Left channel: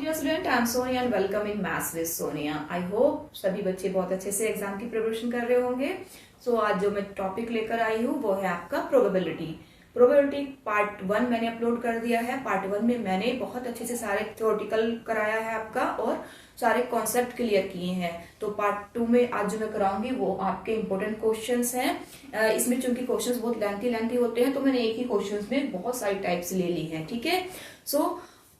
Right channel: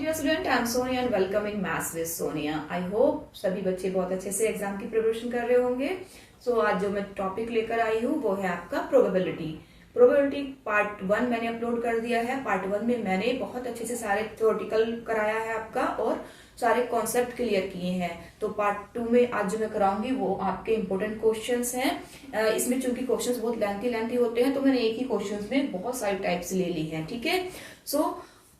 Morning dear student, I am Sonia and welcome in maths with Sonia. I hope सभी बच्चे बहुत अच्छे से एग्जाम की प्रिपरेशन कर रहे होंगे। आज जो मैं टॉपिक लेकर आई हूँ वो है आपका प्रोबेबिलिटी। प्रोबेबिलिटी पार्ट 1 मैंने अपलोड कर दिया है। पार्ट 1 में मैंने बहुत अच्छे से सारे थ्योरेटिकल कराया है आपका और सारे कॉन्सेप्ट क्लियर किए हैं। तो पार्ट 2 में आज जो मैं कराऊंगी वो आपके इंपॉर्टेंट क्वेश्चंस हैं। इसमें चूंकि क्वेश्चंस बहुत लेंथी होते हैं तो मैंने एक ही क्वेश्चंस में बहुत सारी टाइप्स ले ली हैं। ठीक है,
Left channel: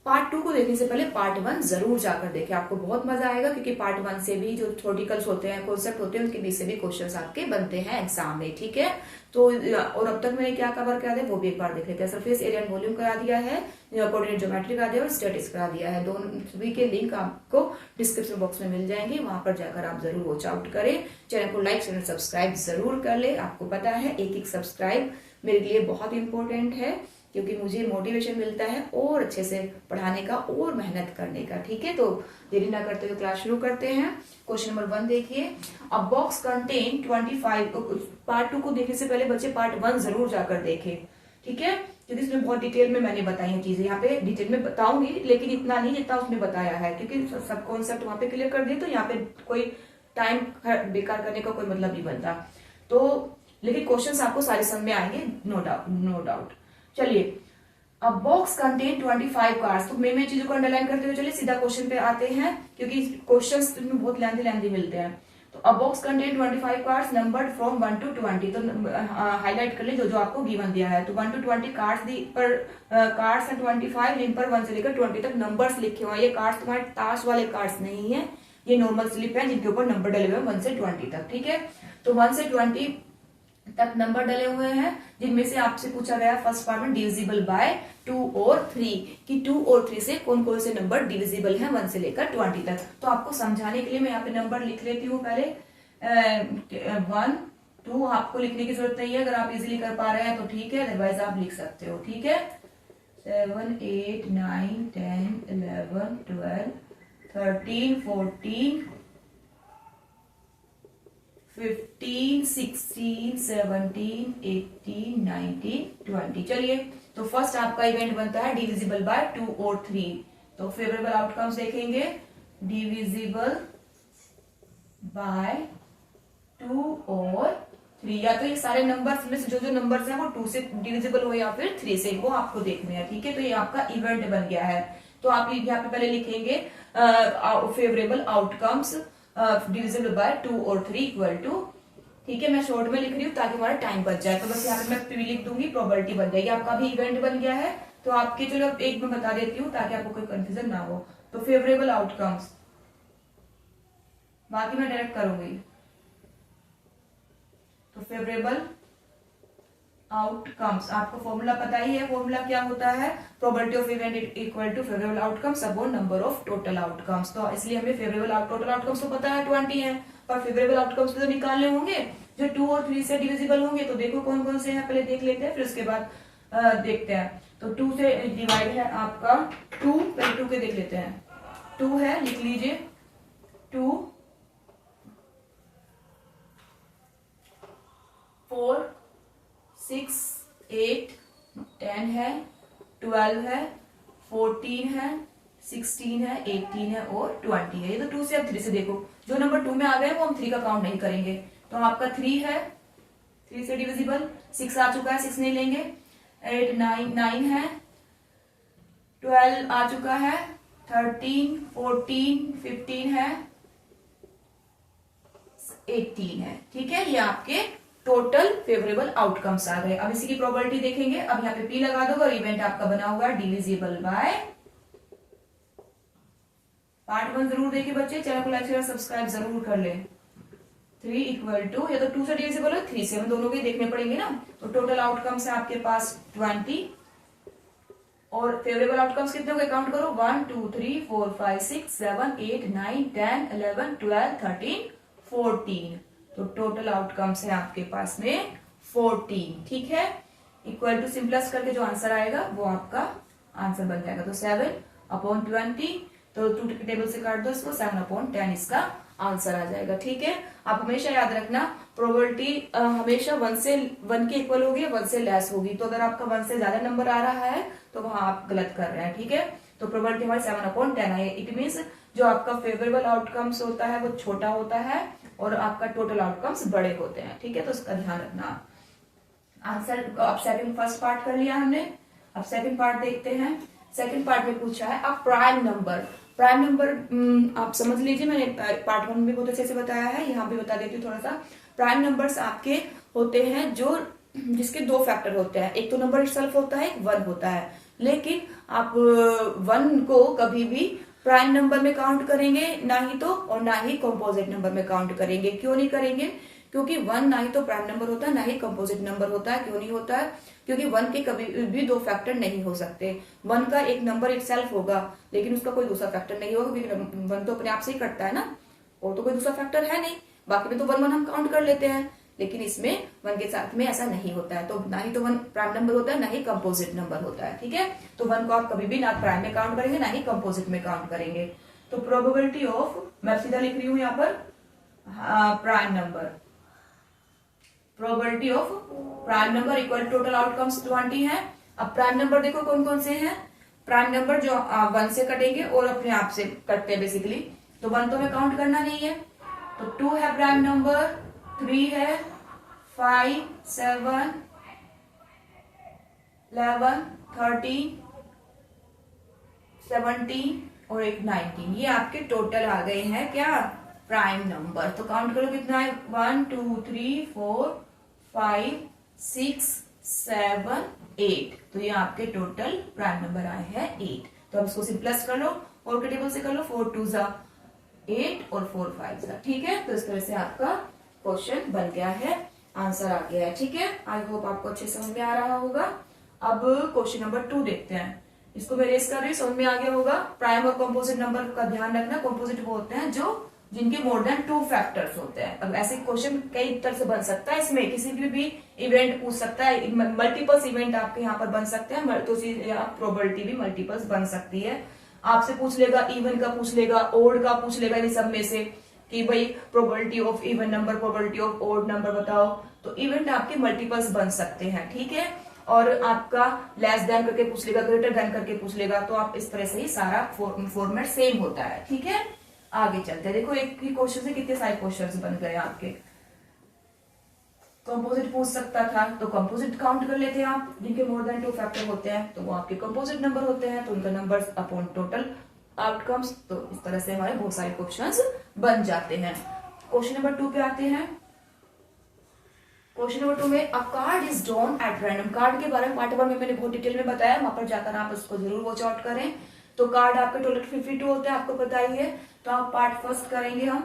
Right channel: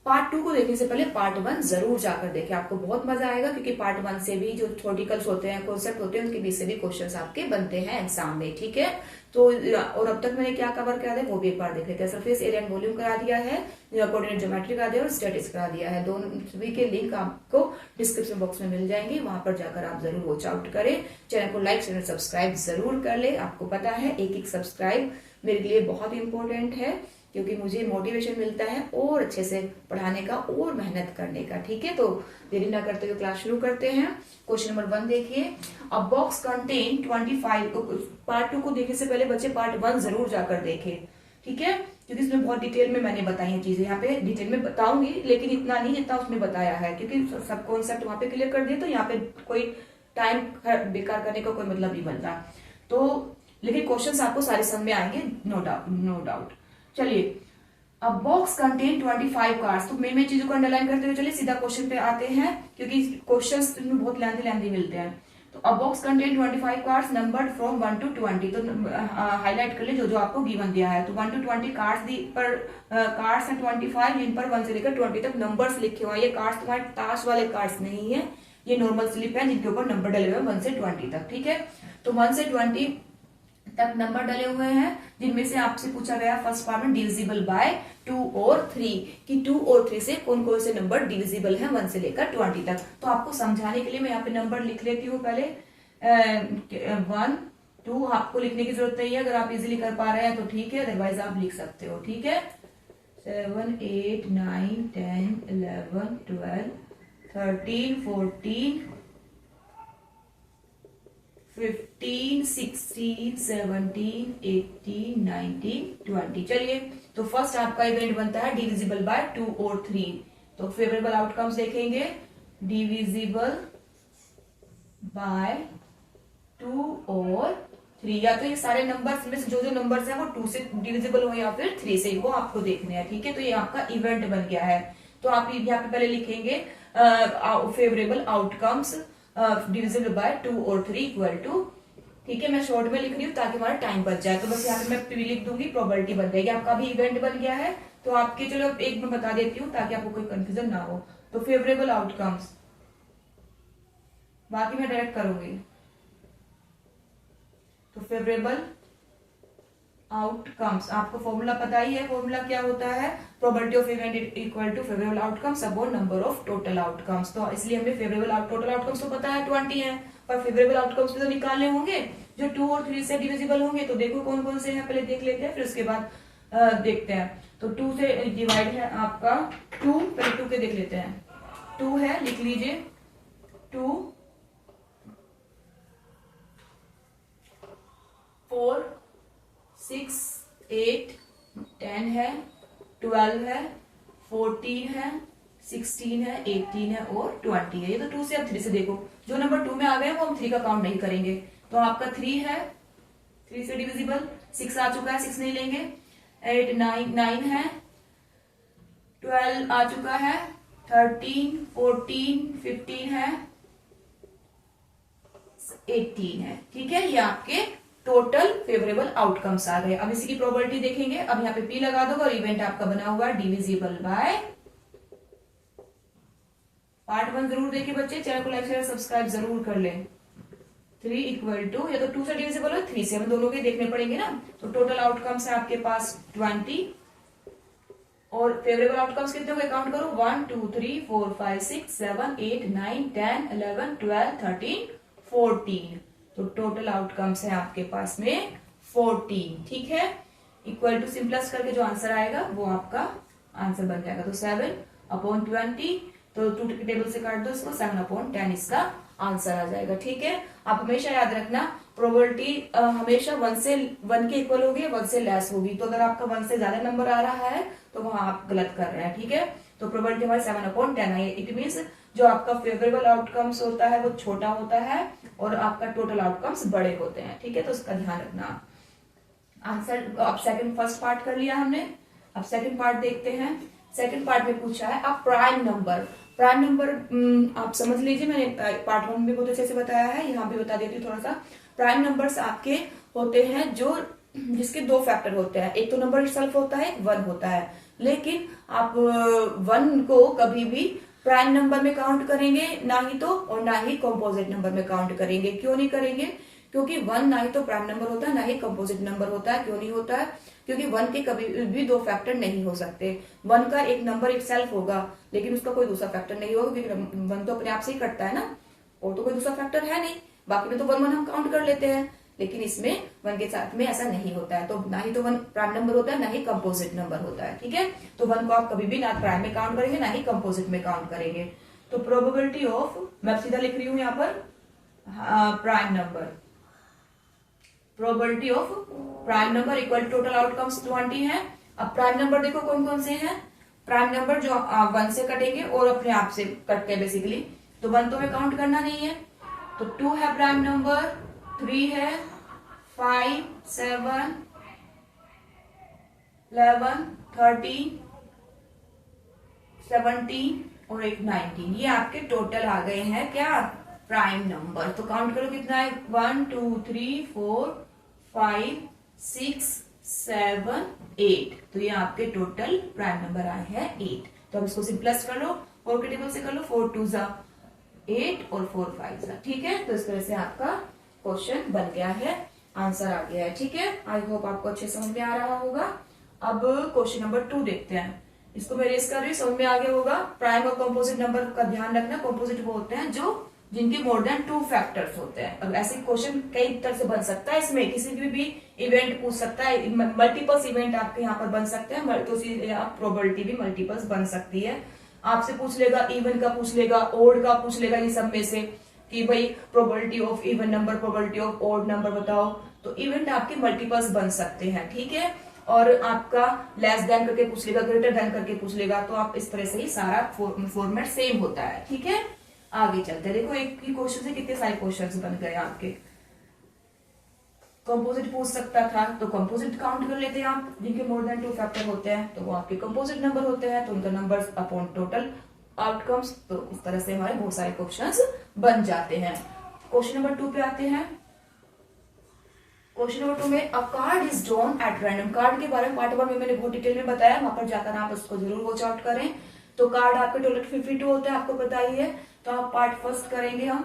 पार्ट 2 को देखने से पहले पार्ट 1 जरूर जाकर देखें, आपको बहुत मजा आएगा क्योंकि पार्ट 1 से भी जो थ्योरेटिकल्स होते हैं, कॉन्सेप्ट होते हैं, उनके बीच से भी क्वेश्चंस आपके बनते हैं एग्जाम में। ठीक है, तो और अब तक मैंने क्या कवर करा दिया वो भी एक बार देख लेते हैं। सरफेस एरिया एंड वॉल्यूम करा दिया है, कोऑर्डिनेट ज्योमेट्री करा दिया और स्टैटिक्स करा दिया है। दोनों सभी के लिंक आपको डिस्क्रिप्शन बॉक्स में मिल जाएंगे, वहां पर जाकर आप जरूर वॉच आउट करें। चैनल को लाइक चैनल सब्सक्राइब जरूर कर ले। आपको पता है एक सब्सक्राइब मेरे लिए बहुत इंपॉर्टेंट है क्योंकि मुझे मोटिवेशन मिलता है और अच्छे से पढ़ाने का और मेहनत करने का। ठीक है, तो देरी ना करते हुए क्लास शुरू करते हैं। क्वेश्चन नंबर 1 देखिए, अ बॉक्स कंटेन 25। पार्ट 2 को देखने से पहले बच्चे पार्ट 1 जरूर जाकर देखें। ठीक है, क्योंकि इसमें बहुत डिटेल में मैंने बताई है चीजें। यहाँ पे डिटेल में बताऊंगी लेकिन इतना नहीं जितना उसमें बताया है, क्योंकि सब कॉन्सेप्ट वहां पे क्लियर कर दिए तो यहाँ पे कोई टाइम बेकार करने का कोई मतलब नहीं बनता। तो लेकिन क्वेश्चन आपको सारे समझ में आएंगे, नो डाउट। चलिए, अब बॉक्स कंटेन 25 कार्ड्स। तो मैं चीजों को अंडरलाइन करते हुए चलिए सीधा क्वेश्चन पे आते हैं क्योंकि क्वेश्चंस में बहुत लेंथी मिलते हैं। तो अब box contain 25 cards numbered from 1 to 20। तो हाईलाइट कर ले जो जो आपको गिवन दिया है। तो 1 to 20 कार्ड्स पर कार्ड्स हैं 25 जिन पर 1 से लेकर 20 तक नंबर्स लिखे हुए हैं। ये कार्ड्स तुम्हारे ताश वाले कार्ड्स नहीं है, ये नॉर्मल स्लिप है जिनके ऊपर नंबर डले हुए हैं 1 से 20 तक। ठीक है, तो 1 से 20 तक नंबर डले हुए हैं जिनमें से आपसे पूछा गया फर्स्ट पार्ट में डिविजिबल बाय 2 और 3 कि 2 और 3 से कौन कौन से नंबर डिविजिबल हैं 1 से लेकर 20 तक। तो आपको समझाने के लिए मैं यहाँ पे नंबर लिख लेती हूँ पहले। 1 2 आपको लिखने की जरूरत नहीं है, अगर आप इजीली कर पा रहे हैं तो ठीक है, अदरवाइज आप लिख सकते हो। ठीक है, 7 8 9 10 11 12 13 14 15 16 17 18 19 20। चलिए, तो फर्स्ट आपका इवेंट बनता है डिविजिबल बाय 2 और 3। तो फेवरेबल आउटकम्स देखेंगे, डिविजिबल बाय 2 और 3। या तो ये सारे नंबर्स में से जो नंबर्स हैं वो 2 से डिविजिबल हो या फिर 3 से, वो आपको देखने हैं। ठीक है, तो ये आपका इवेंट बन गया है। तो आप यहाँ पे पहले लिखेंगे फेवरेबल आउटकम्स डिविजिबल बाय 2 और 3 इक्वल टू। ठीक है, मैं शॉर्ट में लिख रही हूँ ताकि हमारा टाइम बच जाए। तो बस यहाँ पे मैं पी लिख दूंगी, प्रोबेबिलिटी बन जाएगी। आपका भी इवेंट बन गया है। तो आपके चलो एक मैं बता देती हूँ ताकि आपको कोई कंफ्यूजन ना हो। तो फेवरेबल आउटकम्स, बाकी मैं डायरेक्ट करूंगी। तो फेवरेबल आउटकम्स, आपको फॉर्मूला पता ही है। फॉर्मूला क्या होता है, probability of event equal to favourable outcomes upon number of total outcomes. तो इसलिए हमें फेवरेबल टोटल आउटकम्स तो पता है 20 है, पर फेवरेबल आउटकम्स तो निकालने होंगे जो 2 और 3 से डिविजिबल होंगे। तो देखो कौन कौन से हैं, पहले देख लेते हैं फिर उसके बाद देखते हैं। तो 2 से डिवाइड है आपका 2, पहले 2 के देख लेते हैं। 2 है, लिख लीजिए 2 4 6 8 10 है, 12 है, 14 है, 16 है, 18 है और 20 है। ये तो 2 से अब 3 से देखो, जो नंबर 2 में आ गए वो हम 3 का काउंट नहीं करेंगे। तो आपका 3 है, 3 से डिविजिबल। 6 आ चुका है, 6 नहीं लेंगे। 8 9 है, 12 आ चुका है, 13 14 15 है, 18 है। ठीक है, ये आपके टोटल फेवरेबल आउटकम्स आ गए। अब इसी की प्रोबेबिलिटी देखेंगे। अब यहाँ पे पी लगा दो और इवेंट आपका बना हुआ है डिविजिबल बाय। पार्ट 1 जरूर देखिए बच्चे, चैनल को लाइक शेयर सब्सक्राइब जरूर कर ले। 3 इक्वल टू, या तो 2 से डिविजिबल है 3 से, हम दोनों के देखने पड़ेंगे ना। तो टोटल आउटकम्स है आपके पास 20 और फेवरेबल आउटकम्स कितने होंगे, काउंट करो। 1 2 3 4 5 6 7 8 9 10 11 12 13 14। तो टोटल आउटकम्स है आपके पास में 14। ठीक है, इक्वल टू सिंपलेस्ट करके जो आंसर आएगा वो आपका आंसर बन जाएगा। तो 7 अपॉन 20, तो 2 के टेबल से काट दो इसको, 7 अपॉन 10 इसका आंसर आ जाएगा। ठीक है, आप हमेशा याद रखना प्रोबेबिलिटी हमेशा 1 के इक्वल होगी, 1 से लेस होगी। तो अगर आपका 1 से ज्यादा नंबर आ रहा है तो वहां आप गलत कर रहे हैं। ठीक है, तो प्रोबेबिलिटी हमारी 7/10 है। इट मीन्स जो आपका फेवरेबल आउटकम्स होता है वो छोटा होता है और आपका टोटल आउटकम्स बड़े होते हैं। ठीक है, तो इसका ध्यान रखना। आंसर अब फर्स्ट पार्ट कर लिया हमने, अब सेकंड पार्ट देखते हैं। सेकंड पार्ट में पूछा है अब प्राइम नंबर। प्राइम नंबर आप समझ लीजिए, मैंने पार्ट 1 में बहुत अच्छे से बताया है, यहाँ भी बता देती हूँ थोड़ा सा। प्राइम नंबर्स आपके होते हैं जो जिसके 2 फैक्टर होते हैं, एक तो नंबर इटसेल्फ होता है, एक 1 होता है। लेकिन आप 1 को कभी भी प्राइम नंबर में काउंट करेंगे ना ही तो, और ना ही कंपोजिट नंबर में काउंट करेंगे। क्यों नहीं करेंगे? क्योंकि 1 ना ही तो प्राइम नंबर होता है ना ही कंपोजिट नंबर होता है। क्यों नहीं होता है? क्योंकि 1 के कभी भी 2 फैक्टर नहीं हो सकते। 1 का एक नंबर इटसेल्फ होगा लेकिन उसका कोई दूसरा फैक्टर नहीं होगा, क्योंकि 1 तो अपने आप से ही कटता है ना, और तो कोई दूसरा फैक्टर है नहीं। बाकी में तो 1 1 हम काउंट कर लेते हैं, लेकिन इसमें 1 के साथ में ऐसा नहीं होता है। तो ना ही तो 1 प्राइम नंबर होता है ना ही कंपोजिट नंबर होता है। ठीक है, तो 1 को आप कभी भी ना प्राइम में काउंट करेंगे ना ही कंपोजिट में काउंट करेंगे। तो प्रोबेबिलिटी ऑफ, मैं सीधा लिख रही हूं यहाँ पर prime number, probability of prime number equal total outcomes 20 है। अब प्राइम नंबर देखो कौन कौन से हैं। प्राइम नंबर जो 1 से कटेंगे और अपने आप से कटते हैं बेसिकली, तो 1 तो हमें काउंट करना नहीं है। तो 2 है प्राइम नंबर, 3 है, 5, 7, 11, 13, 17 और एक 19, ये आपके टोटल आ गए हैं क्या? Prime number. तो काउंट करो कितना है, 1 2 3 4 5 6 7 8, तो ये आपके टोटल प्राइम नंबर आए हैं 8। तो अब इसको सिंपलेस्ट कर लो, 4 के टेबल से कर लो, 4 2 जा 8 और 4 5 जा। ठीक है, तो इस तरह से आपका क्वेश्चन बन गया है, आंसर आ गया है। ठीक है, आई होप आपको अच्छे समझ में आ रहा होगा। अब क्वेश्चन नंबर 2 देखते हैं। इसको मैं रेस कर रही हूँ, समझ में आ गया होगा। प्राइम और कंपोजिट नंबर का ध्यान रखना। कंपोजिट वो होते हैं जो जिनके मोर देन 2 फैक्टर्स होते हैं। अब ऐसे क्वेश्चन कई तरह से बन सकता है, इसमें किसी भी इवेंट पूछ सकता है, मल्टीपल्स इवेंट आपके यहाँ पर बन सकते हैं, तो प्रोबेबिलिटी भी मल्टीपल्स बन सकती है। आपसे पूछ लेगा, इवन का पूछ लेगा, ओड का पूछ लेगा, इन सब में से कि भाई probability of even number, probability of odd number बताओ। तो इवेंट आपके मल्टीपल्स बन सकते हैं। ठीक है, और आपका लेस देन करके पूछ लेगा, ग्रेटर देन करके पूछ लेगा, तो आप इस तरह से ही सारा फॉर्मेट सेम होता है। ठीक है, आगे चलते हैं। देखो एक ही क्वेश्चन से कितने सारे क्वेश्चंस बन गए आपके। कंपोजिट पूछ सकता था तो कंपोजिट काउंट कर लेते हैं आप, जिनके मोर देन 2 फैक्टर होते हैं तो वो आपके कंपोजिट नंबर होते हैं, तो उनका नंबर अपॉन टोटल आउटकम्स। तो इस तरह से हमारे बहुत सारे क्वेश्चंस बन जाते हैं। क्वेश्चन नंबर 2 पे आते हैं। क्वेश्चन नंबर 2 में अ card is drawn at random. Card के बारे में पार्ट 1 में मैंने बहुत डिटेल में बताया, वहां पर जाकर आप उसको जरूर वॉच आउट करें। तो कार्ड आपके टोटल 52 होते हैं, आपको पता ही है। तो आप पार्ट फर्स्ट करेंगे हम।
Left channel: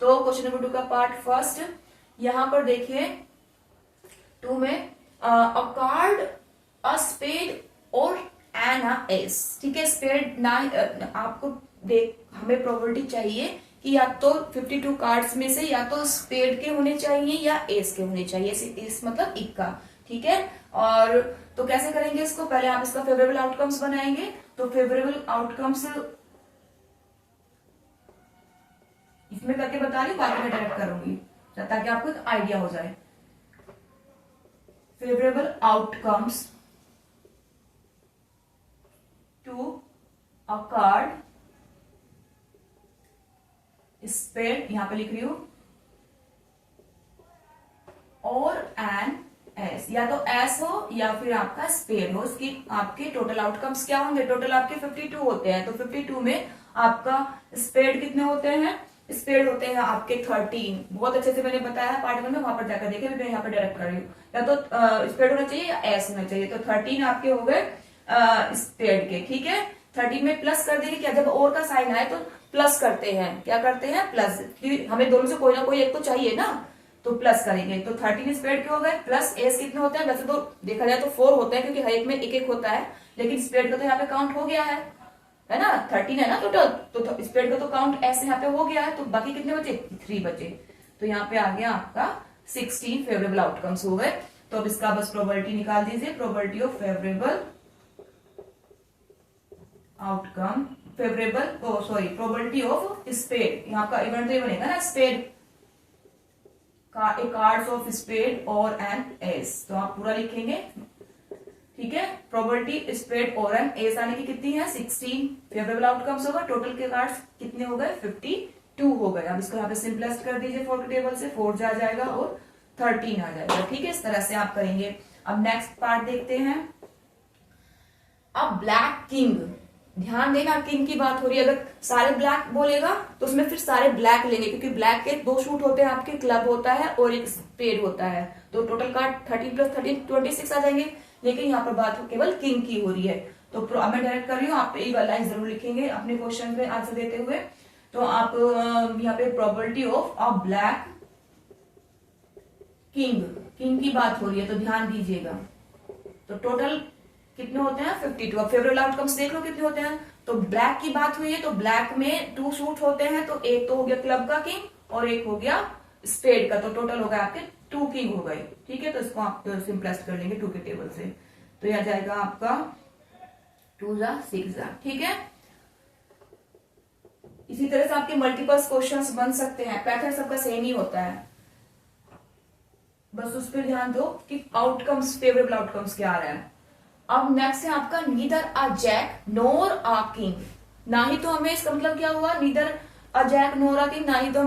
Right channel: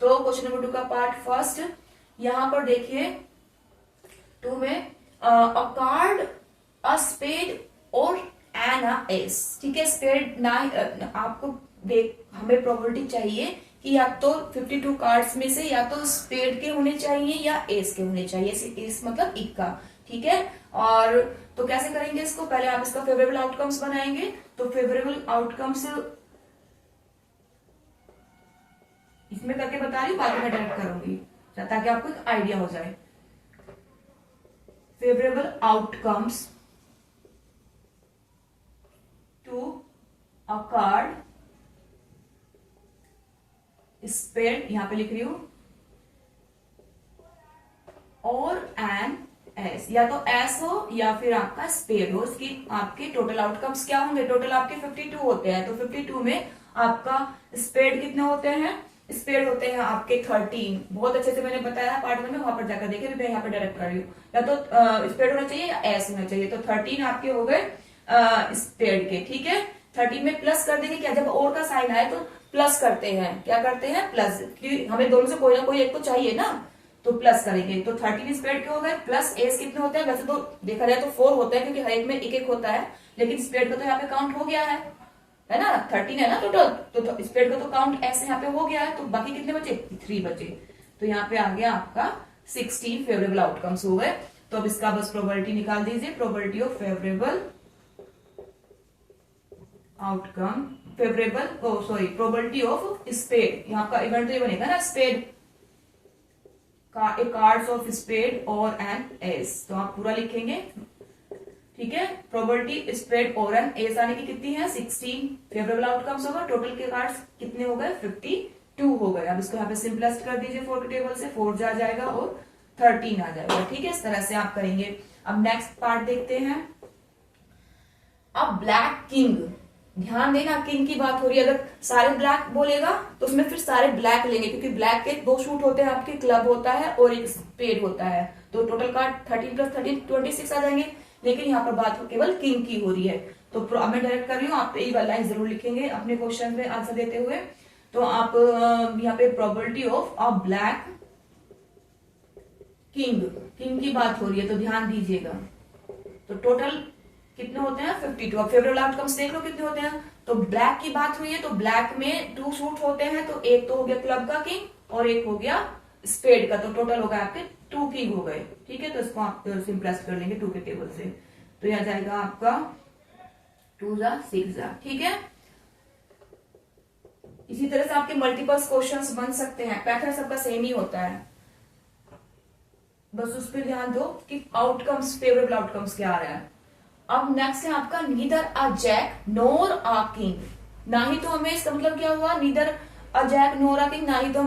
तो क्वेश्चन नंबर 2 का पार्ट फर्स्ट, यहां पर देखिए 2 में अ कार्ड, अ स्पेड और एन अ एस। ठीक है, स्पेड ना आपको हमें प्रोबेबिलिटी चाहिए कि या तो 52 कार्ड्स में से या तो स्पेड के होने चाहिए या एस के होने चाहिए। एस मतलब इक्का। ठीक है, और तो कैसे करेंगे इसको, पहले आप इसका फेवरेबल आउटकम्स बनाएंगे। तो फेवरेबल आउटकम्स इसमें करके बता रही हूँ, बाकी मैं डायरेक्ट करूंगी ताकि आपको एक आइडिया हो जाए। Favourable outcomes to a card spade, यहां पे लिख रही हूं, और एन एस, या तो एस हो या फिर आपका स्पेड हो। इसकी आपके टोटल आउटकम्स क्या होंगे? टोटल आपके 52 होते हैं। तो 52 में आपका स्पेड कितने होते हैं? स्पेड होते हैं आपके 13। बहुत अच्छे से मैंने बताया पार्ट में, वहां पर जाकर देखे, मैं यहाँ पे डायरेक्ट कर रही हूँ। या तो स्पेड होना चाहिए या एस होना चाहिए। तो 13 आपके हो गए स्पेड के। ठीक है, 13 में प्लस कर देंगे क्या, जब और का साइन आए तो प्लस करते हैं। क्या करते हैं? प्लस, क्योंकि हमें दोनों से कोई ना कोई एक तो चाहिए ना, तो प्लस करेंगे। तो 13 स्पेड के हो गए, प्लस एस कितने होते हैं? वैसे तो देखा जाए तो 4 होता है, क्योंकि हर एक में एक एक होता है, लेकिन स्पेड का तो यहाँ पे काउंट हो गया है ना, 13 है ना टोटल, तो स्पेड का तो काउंट एस यहाँ पे हो गया है। तो बाकी कितने बचे? 3 बचे। तो यहाँ पे आ गया आपका 16 फेवरेबल आउटकम्स हो गए। तो अब इसका बस प्रोबेबिलिटी निकाल दीजिए। Probability of favourable outcome, probability of spade, यहाँ का इवेंट तो ये बनेगा ना, स्पेड का, ए कार्ड्स ऑफ स्पेड और एन एस। तो आप पूरा लिखेंगे। ठीक है। Probability spread over n S आने की कितनी है 16 फेवरेबल आउटकम्स होगा, टोटल के कार्ड्स कितने हो गए 52 हो गए। अब इसको यहाँ पे सिंपलेस्ट कर दीजिए 4 के टेबल से, 4 जा जाएगा और 13 आ जाएगा। ठीक है, इस तरह से आप करेंगे। अब नेक्स्ट पार्ट देखते हैं। अब ब्लैक किंग, ध्यान देना किंग की बात हो रही है, अगर सारे ब्लैक बोलेगा तो उसमें फिर सारे ब्लैक लेंगे, क्योंकि ब्लैक के 2 शूट होते हैं आपके, क्लब होता है और एक स्पेड होता है, तो टोटल कार्ड 13 + 13 26 आ जाएंगे। लेकिन यहाँ पर बात केवल किंग की हो रही है, तो मैं डायरेक्ट कर रही हूँ, आप एक लाइन जरूर लिखेंगे अपने क्वेश्चन में आंसर देते हुए। तो आप यहाँ पे probability of a black king, king की बात हो रही है तो ध्यान दीजिएगा। तो टोटल कितने होते हैं 52। अब फेवरेबल आउटकम्स देख लो कितने होते हैं। तो ब्लैक की बात हुई है तो ब्लैक में 2 शूट होते हैं, तो एक तो हो गया क्लब का किंग और एक हो गया स्पेड का, तो टोटल हो गया आपके 2 किंग हो गए। ठीक है, तो इसको आप सिंपलेस्ट कर लेंगे 2 के टेबल से, तो यह जाएगा आपका 2 जा 6 जा। ठीक है, इसी तरह से आपके मल्टीपल्स क्वेश्चंस बन सकते हैं, पैटर्न सबका सेम ही होता है, बस उस पर ध्यान दो कि आउटकम्स फेवरेबल आउटकम्स क्या आ रहा है। अब नेक्स्ट है आपका neither a jack nor a king. ना ही तो हमें, इसका मतलब क्या हुआ, neither a jack nor a king, ना ही तो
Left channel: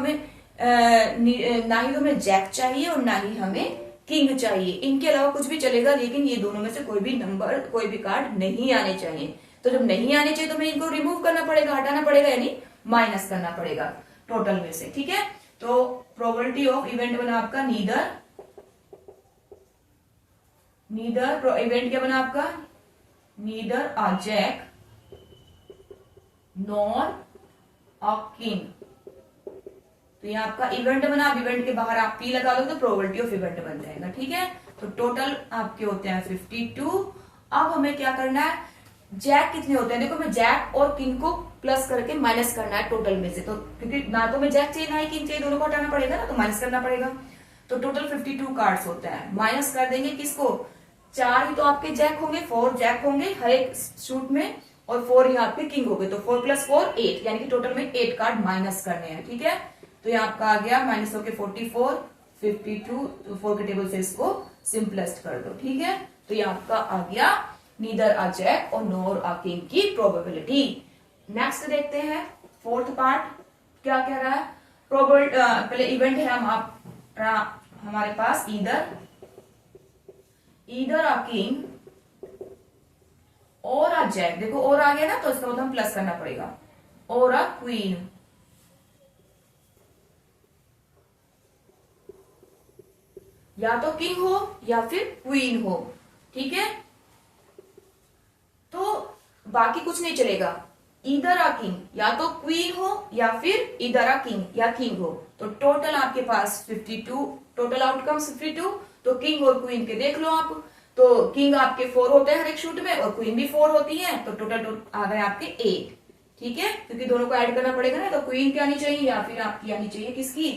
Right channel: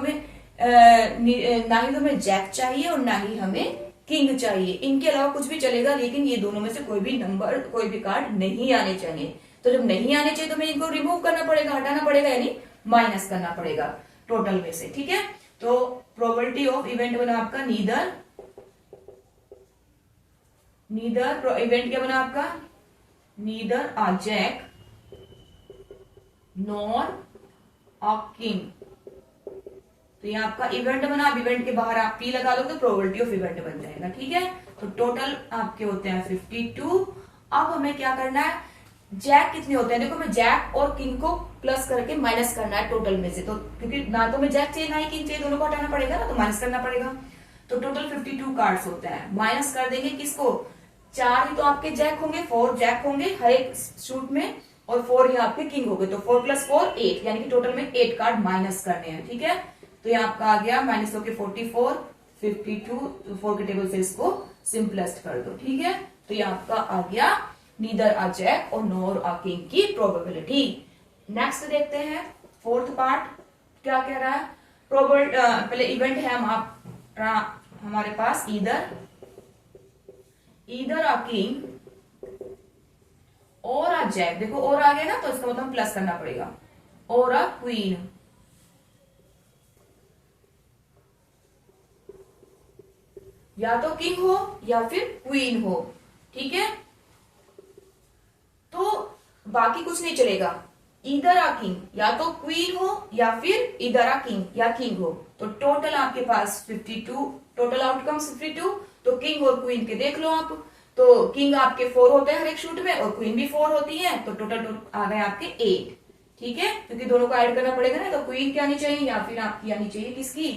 हमें जैक चाहिए और ना ही हमें किंग चाहिए, इनके अलावा कुछ भी चलेगा, लेकिन ये दोनों में से कोई भी नंबर, कोई भी कार्ड नहीं आने चाहिए। तो जब नहीं आने चाहिए तो हमें इनको रिमूव करना पड़ेगा, हटाना पड़ेगा, यानी माइनस करना पड़ेगा टोटल में से। ठीक है, तो प्रोबेबिलिटी ऑफ इवेंट बना आपका नीदर इवेंट क्या बना आपका, neither a jack nor a king. तो ये आपका इवेंट बना, अब इवेंट के बाहर आप पी लगा दो तो प्रोबेबिलिटी ऑफ इवेंट बन जाएगा। ठीक है, तो टोटल आपके होते हैं 52। अब हमें क्या करना है, जैक कितने होते हैं, देखो मैं जैक और किंग को प्लस करके माइनस करना है टोटल में से, तो क्योंकि ना तो मैं जैक चाहिए ना ही किंग चाहिए, दोनों को हटाना पड़ेगा ना, तो माइनस करना पड़ेगा। तो टोटल 52 कार्ड्स होते हैं, माइनस कर देंगे किसको, 4 ही तो आपके जैक होंगे, 4 जैक होंगे हर एक शूट में, और 4 यहाँ आपके किंग हो गए, तो 4 + 4 8, यानी कि टोटल में 8 कार्ड माइनस करने हैं। ठीक है, तो ये आपका आ गया माइनस होके 44 52, तो 4 के टेबल से इसको सिंपलेस्ट कर दो। ठीक है, तो ये आपका आ गया नीदर अ जैक और नोर अ किंग की प्रोबेबिलिटी। नेक्स्ट देखते हैं 4th पार्ट क्या कह रहा है। पहले इवेंट है हमारे पास ईदर अ किंग और अ जैक, देखो और आ गया ना, तो इसका मतलब प्लस करना पड़ेगा, और अ क्वीन। या तो किंग हो या फिर क्वीन हो। ठीक है, तो बाकी कुछ नहीं चलेगा, इधर आ किंग, या तो क्वीन हो या फिर इधर आ किंग या किंग हो। तो टोटल आपके पास 52, टोटल आउटकम्स 52। तो किंग और क्वीन के देख लो आप, तो किंग आपके 4 होते हैं हर एक शूट में और क्वीन भी 4 होती है, तो टोटल आ गए आपके 8। ठीक है, क्योंकि दोनों को ऐड करना पड़ेगा ना, तो क्वीन की आनी चाहिए या फिर आपकी आनी चाहिए किसकी,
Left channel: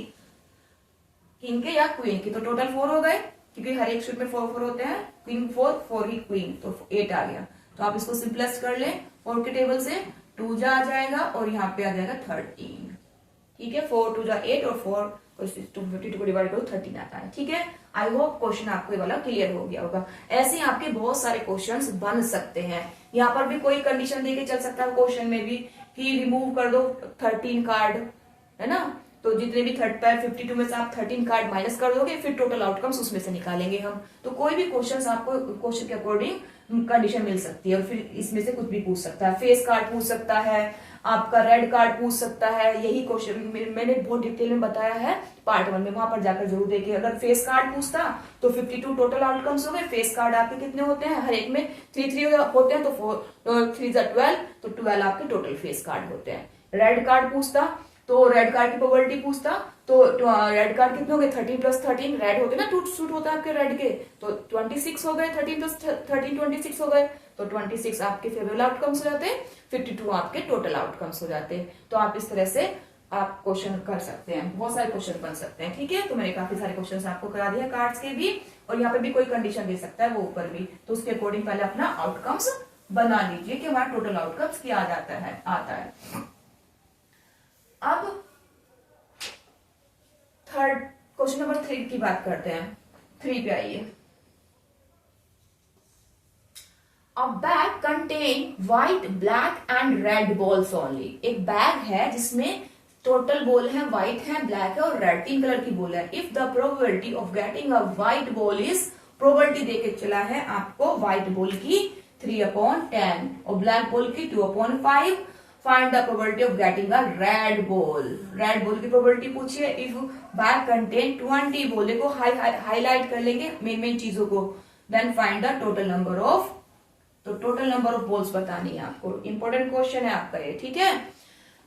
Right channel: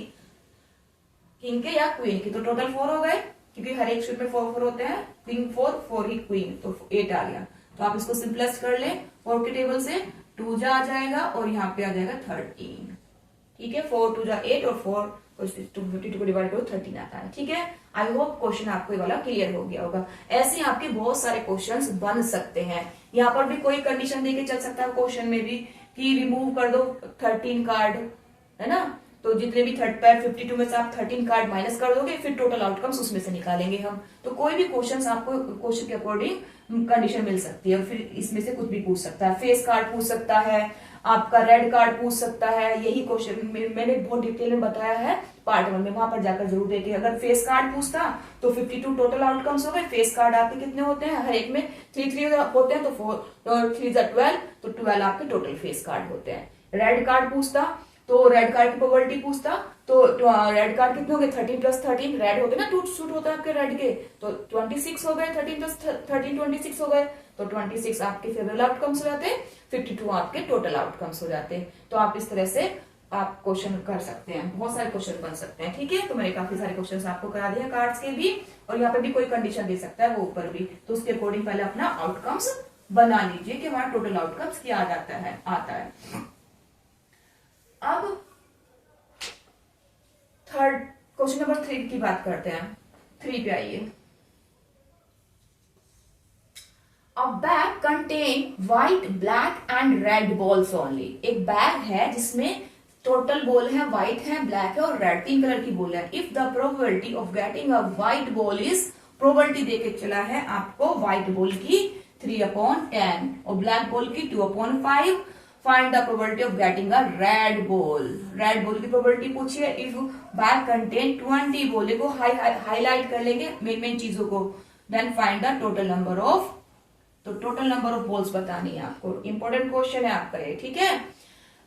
किंग के या क्वीन की। तो टोटल 4 हो गए, क्योंकि हर एक शूट में 4 होते हैं, क्वीन 4 ही क्वीन, तो 8 आ गया। तो आप इसको सिंपलेस्ट कर ले 4 के टेबल से, 2 जा आ जाएगा और यहाँ पे आ जाएगा 13। ठीक है, 4 2 जा 8 और 4 52 को डिवाइड करो 13 आता है। ठीक है, आई होप क्वेश्चन आपको ये वाला क्लियर हो गया होगा। ऐसे आपके बहुत सारे क्वेश्चंस बन सकते हैं, यहाँ पर भी कोई कंडीशन देके चल सकता है क्वेश्चन में भी, कि रिमूव कर दो 13 कार्ड, है ना, तो जितने भी 52 में से आप 13 कार्ड माइनस कर दोगे, फिर टोटल आउटकम्स उसमें से निकालेंगे हम। तो कोई भी क्वेश्चन आपको क्वेश्चन के अकॉर्डिंग कंडीशन मिल सकती है, और फिर इसमें से कुछ भी पूछ सकता है, फेस कार्ड पूछ सकता है, आपका रेड कार्ड पूछ सकता है। यही क्वेश्चन मैंने बहुत डिटेल में बताया है पार्ट 1 में, वहां पर जाकर जरूर देखिए। अगर फेस कार्ड पूछता तो 52 टोटल आउटकम्स हो गए। फेस कार्ड आपके कितने होते हैं, हर एक में 3 होते हैं, तो 4 3 12, तो 12 आपके टोटल फेस कार्ड होते हैं। रेड कार्ड पूछता तो रेड कार्ड की प्रोबेबिलिटी पूछता, तो रेड कार्ड कितने हो गए, 13 + 13, रेड होते ना, 2 सूट होता है आपके रेड के, तो 26 हो गए, 13 + 13 26 हो गए, तो 26 आपके फेवरेबल आउटकम्स हो जाते हैं, 52 आपके टोटल आउटकम्स हो जाते हैं। तो आप इस तरह से आप क्वेश्चन कर सकते हैं, बहुत सारे क्वेश्चन बन सकते हैं। ठीक है, तो मैंने काफी सारे क्वेश्चन आपको करा दिया कार्ड्स के भी, और यहाँ पे भी कोई कंडीशन दे सकता है वो ऊपर भी, तो उसके अकॉर्डिंग पहले अपना आउटकम्स बना लीजिए कि हमारा टोटल आउटकम्स क्या आता है। अब क्वेश्चन नंबर 3 की बात करते हैं। 3 पे आइए। अ bag contain white black and red balls only. एक बैग है जिसमें टोटल बॉल है, व्हाइट है, ब्लैक है और रेड, 3 कलर की बॉल है। If the probability of getting a white ball is, probability देके चला है आपको व्हाइट बॉल की 3/10 और ब्लैक बॉल की 2/5। Find the probability of getting a red ball. Red ball की प्रोबेबिलिटी पूछिए। इफ बैग कंटेन 20 बॉल, देखो हाईलाइट कर लेंगे मेन चीजों को। Then find the total number of, तो टोटल नंबर ऑफ बॉल्स बतानी है आपको। इंपॉर्टेंट क्वेश्चन है आपका ये, ठीक है।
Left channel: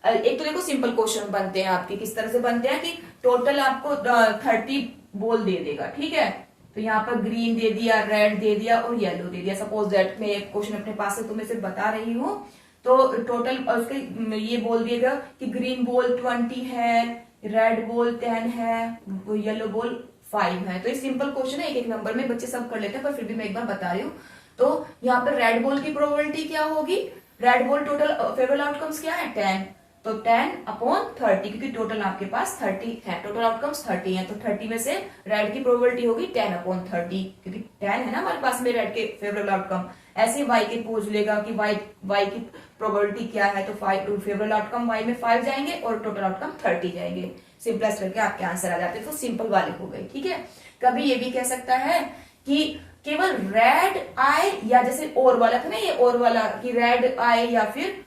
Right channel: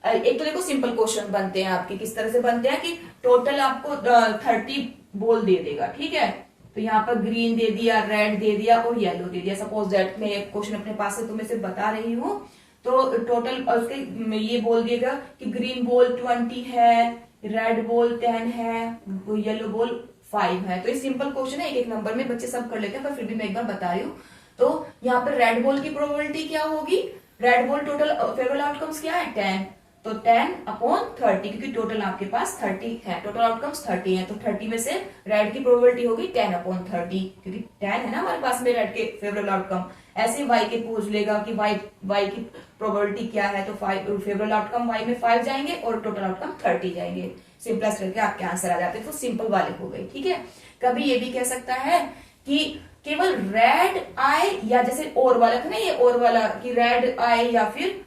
एक तो देखो सिंपल क्वेश्चन बनते हैं आपके, किस तरह से बनते हैं कि टोटल आपको 30 बॉल दे देगा, ठीक है। तो यहाँ पर ग्रीन दे दिया, रेड दे दिया और येलो दे दिया। सपोज दैट मैं एक क्वेश्चन अपने पास से तुम्हें से बता रही हूँ, तो टोटल उसके ये बोल दिएगा कि ग्रीन बॉल 20 है, रेड बॉल 10 है, येलो बॉल 5 है। तो ये सिंपल क्वेश्चन है, एक एक नंबर में बच्चे सब कर लेते हैं, पर फिर भी मैं एक बार बता रही हूँ। तो यहाँ पर रेड बॉल की प्रोबेबिलिटी क्या होगी? Red ball total favourable outcomes क्या है? 10, तो 10/30, क्योंकि टोटल आपके पास 30 है, टोटल आउटकम्स 30 है, तो 30 में से रेड की प्रोबेबिलिटी होगी 10/30, क्योंकि 10 है ना हमारे पास में रेड के फेवरेबल आउटकम। ऐसे वाई के पूछ लेगा कि वाई की प्रोबेबिलिटी क्या है, तो फेवरेबल आउटकम वाई में 5 जाएंगे और टोटल आउटकम 30 जाएंगे। सिंपलेस्ट करके आपके आंसर आ जाते हैं। तो सिंपल वाले हो गए, ठीक है। कभी ये भी कह सकता है कि केवल रेड आए, या जैसे और वाला था ना, ये और वाला कि रेड आए या फिर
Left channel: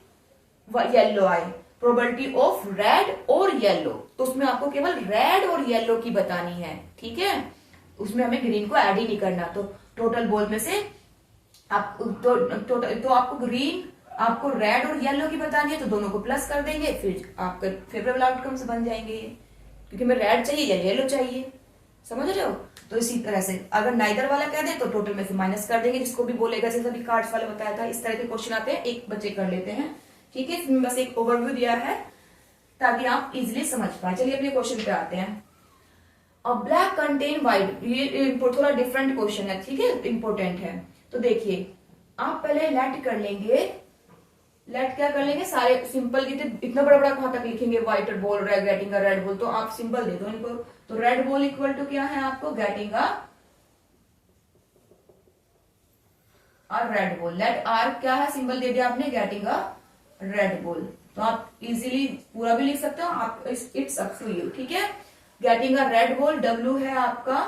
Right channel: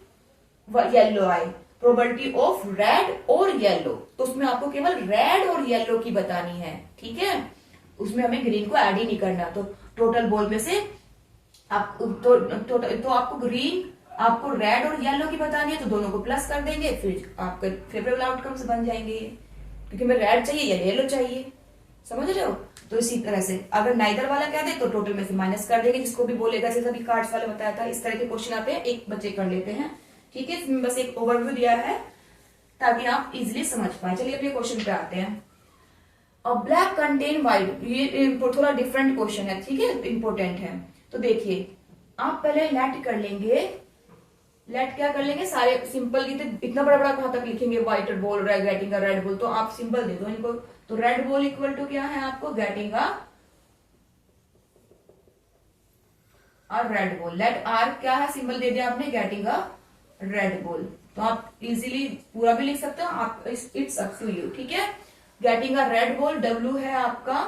येलो आए, प्रोबेबिलिटी ऑफ रेड और येलो, तो उसमें आपको केवल रेड और येलो की बतानी है, ठीक है। उसमें हमें ग्रीन को ऐड ही नहीं करना। तो टोटल बॉल में से आप तो आपको ग्रीन, आपको रेड और येलो की बतानी है, तो दोनों को प्लस कर देंगे, फिर आपके फेवरेबल आउटकम्स बन जाएंगे। क्योंकि हमें रेड चाहिए या येलो चाहिए, समझ रहे हो। तो इसी तरह से अगर नाइदर वाला कह दे तो टोटल में से माइनस कर देंगे, जिसको भी बोलेगा, जैसे अभी कार्ड्स वाला बताया था। इस तरह के क्वेश्चन आते हैं, एक बच्चे कर लेते हैं, ठीक है। इसमें बस एक ओवरव्यू दिया है ताकि आप इजिली समझ पाए। चलिए अपने क्वेश्चन पे आते हैं। अ ब्लैक कंटेन व्हाइट, ये थोड़ा डिफरेंट क्वेश्चन है, ठीक है, इंपॉर्टेंट है। तो देखिए आप पहले लेट कर लेंगे, लेट क्या कर लेंगे, सारे सिंपल, इतना बड़ा बड़ा कहां तक लिखेंगे, white ball getting a red ball, तो आप सिंपल दे दो इनको। तो रेड बॉल इक्वल टू क्या है आपको, getting a red ball. Let R क्या है, सिंबल दे दिया आपने, गेटिंग अ रेड बॉल। तो आप इजीली पूरा भी लिख सकते हो, आप इट्स अप टू यू, ठीक है। Getting a red ball, W है आपका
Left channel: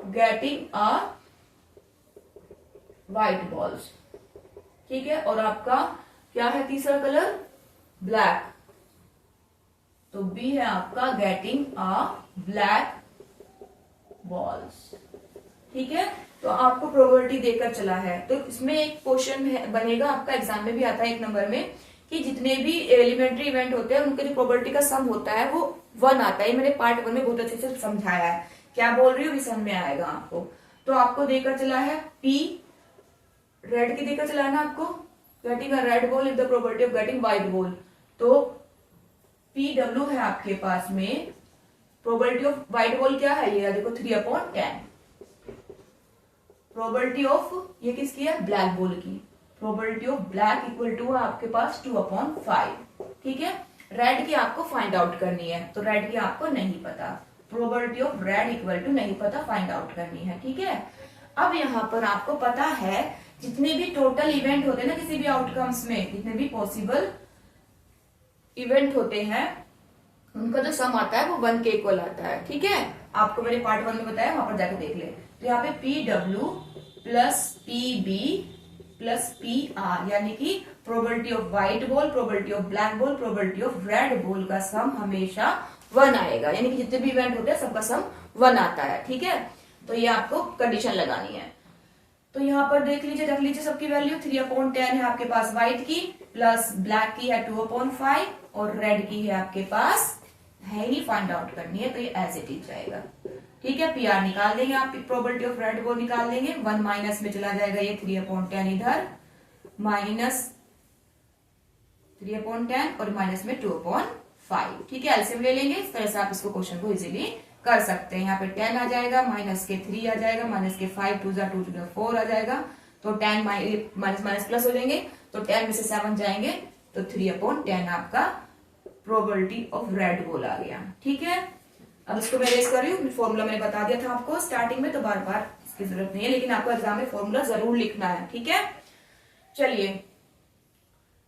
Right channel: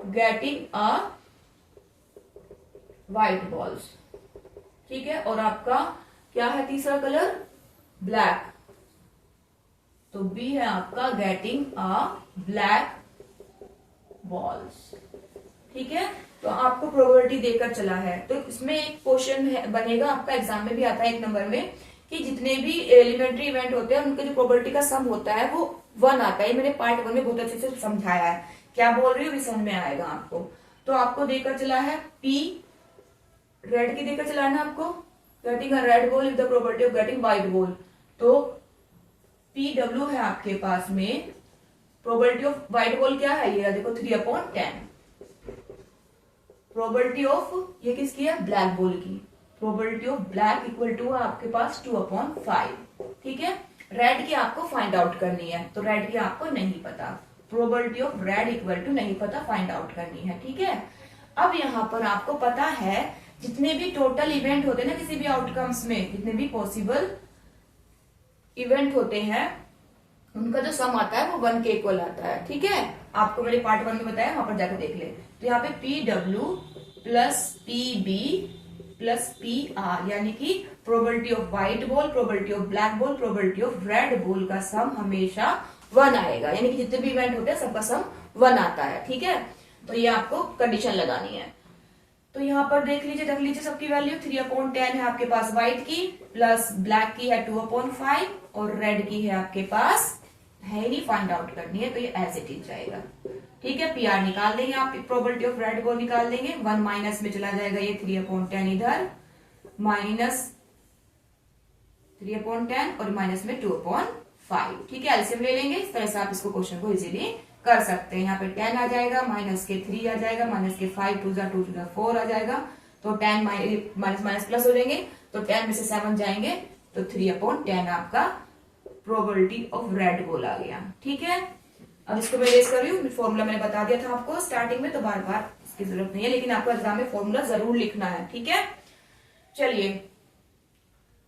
गेटिंग अ व्हाइट बॉल्स, ठीक है। और आपका क्या है तीसरा कलर, ब्लैक, तो बी है आपका गेटिंग अ ब्लैक बॉल्स, ठीक है। तो आपको प्रोबेबिलिटी देकर चला है। तो इसमें एक क्वेश्चन बनेगा आपका, एग्जाम में भी आता है 1 नंबर में, कि जितने भी एलिमेंट्री इवेंट होते हैं उनके जो प्रोबेबिलिटी का सम होता है वो 1 आता है। मैंने पार्ट 1 में बहुत अच्छे से समझाया है, क्या बोल रही हूँ भी समझ में आएगा आपको। तो आपको देकर चला है पी, रेड की देकर चलाना आपको, getting a red ball if the probability of getting white ball. तो पी डब्ल्यू है आपके पास में, प्रोबेबिलिटी ऑफ व्हाइट बॉल क्या है, ये देखो 3/10। प्रोबेबिलिटी ऑफ ये किसकी है, ब्लैक बॉल की, probability of black equal to आपके पास 2/5, ठीक है। रेड की आपको फाइंड आउट करनी है, तो रेड की आपको नहीं पता, probability of red equal to नहीं पता, फाइंड आउट करनी है, ठीक है। अब यहां पर आपको पता है जितने भी टोटल इवेंट होते हैं ना किसी भी आउटकम्स में, जितने भी पॉसिबल इवेंट होते हैं उनका जो सम आता है वो 1 के इक्वल आता है, ठीक है। आपको मैंने पार्ट 1 में बताया, वहां पर जाके देख ले। तो यहाँ पे P W plus P B plus P R, यानी कि probability of white ball, probability of black ball, probability of red ball का सम हमेशा 1 आएगा, यानी कि जितने भी इवेंट होते हैं सबका सम 1 आता है, ठीक है। तो ये आपको कंडीशन लगानी है। तो यहाँ पर देख लीजिए, रख लीजिए सबकी वैल्यू। 3/10 है आपके पास व्हाइट की, प्लस ब्लैक की है 2/5 और रेड की है आपके पास है ही, फाइंड आउट करनी है, तो ये एज इट इज जाएगा, ठीक है। पीआर निकाल देंगे आप, प्रोबेबिलिटी ऑफ रेड बॉल निकाल देंगे, 1 माइनस में चला जाएगा ये 3/10 इधर, माइनस 3/10 और माइनस में 2/5, ठीक है। एलसीएम ले लेंगे, इस तरह से आप इसको क्वेश्चन को इजीली कर सकते हैं। यहाँ पे 10 आ जाएगा, माइनस के 3 आ जाएगा, माइनस के 5 2 2 4 आ जाएगा, तो 10 माइनस माइनस प्लस हो जाएंगे, तो 10 में से 7 जाएंगे, तो 3/10 आपका प्रोबेबिलिटी ऑफ रेड बॉल आ गया, ठीक है। अब इसको मैं रेस कर रही हूँ, फॉर्मूला मैंने बता दिया था आपको स्टार्टिंग में, तो बार बार इसकी जरूरत नहीं है, लेकिन आपको एग्जाम में फॉर्मूला जरूर लिखना है, ठीक है। चलिए,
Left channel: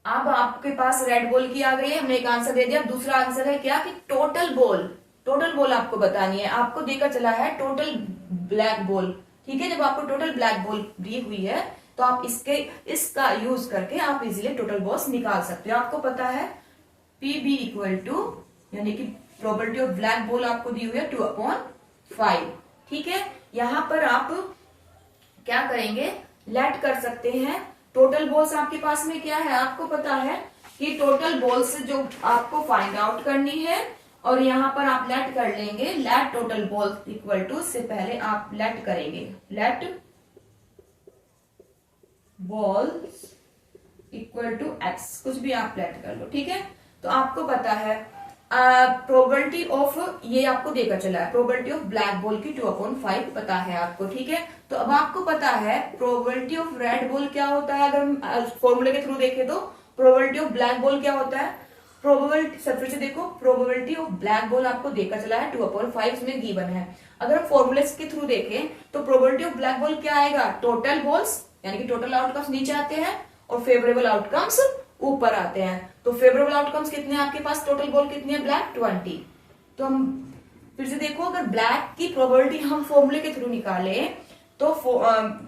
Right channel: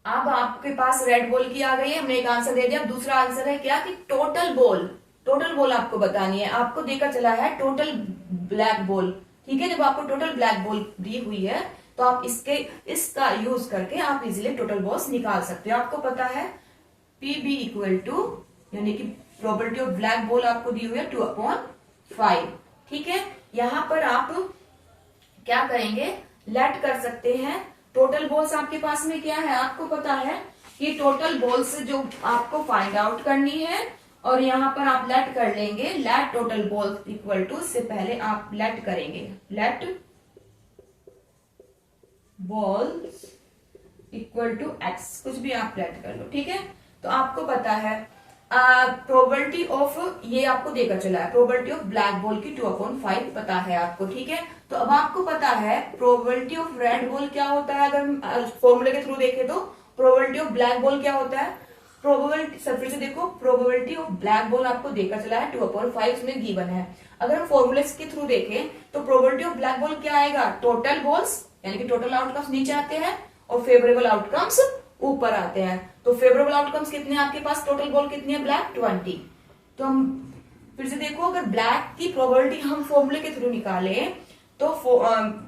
अब आपके पास रेड बॉल की आ गई है, हमने एक आंसर दे दिया। अब दूसरा आंसर है क्या कि टोटल बॉल आपको बतानी है। आपको देखा चला है टोटल ब्लैक बॉल, ठीक है। जब आपको टोटल ब्लैक बॉल दी हुई है तो आप इसका यूज करके आप इजीली टोटल बॉल्स निकाल सकते हो। आपको पता है PB इक्वल टू, यानी कि प्रोबेबिलिटी ऑफ ब्लैक बॉल आपको दी हुई है 2/5, ठीक है। यहां पर आप क्या करेंगे, लेट कर सकते हैं। टोटल बॉल्स आपके पास में क्या है, आपको पता है कि टोटल बॉल्स जो आपको फाइंड आउट करनी है, और यहां पर आप लेट कर लेंगे, let total balls equal to, से पहले आप लेट करेंगे, let balls equal to x, कुछ भी आप लेट कर लो, ठीक है। तो आपको पता है प्रोबेबिलिटी ऑफ, ये आपको देखा चला है प्रोबेबिलिटी ऑफ ब्लैक बॉल की 2/5 पता है आपको, ठीक है। तो अब आपको पता है प्रोबेबिलिटी ऑफ रेड बॉल क्या होता है। अगर हम फॉर्मूले के थ्रू देखें तो प्रोबेबिलिटी ऑफ ब्लैक बॉल क्या होता है, प्रोबेबिलिटी, सब फिर से देखो, प्रोबेबिलिटी ऑफ ब्लैक बॉल आपको देखा चला है 2/5 में गिवन है। अगर हम फॉर्मूले के थ्रू देखें तो प्रोबेबिलिटी ऑफ ब्लैक बॉल क्या आएगा, टोटल बॉल्स, यानी कि टोटल आउटकम्स नीचे आते हैं और फेवरेबल आउटकम्स ऊपर आते हैं। तो फेवरेबल आउटकम्स कितने हैं आपके पास, टोटल बॉल कितनी है, ब्लैक 20। तो हम फिर से देखो, अगर ब्लैक की प्रोबेबिलिटी हम फॉर्मूले के थ्रू निकाले तो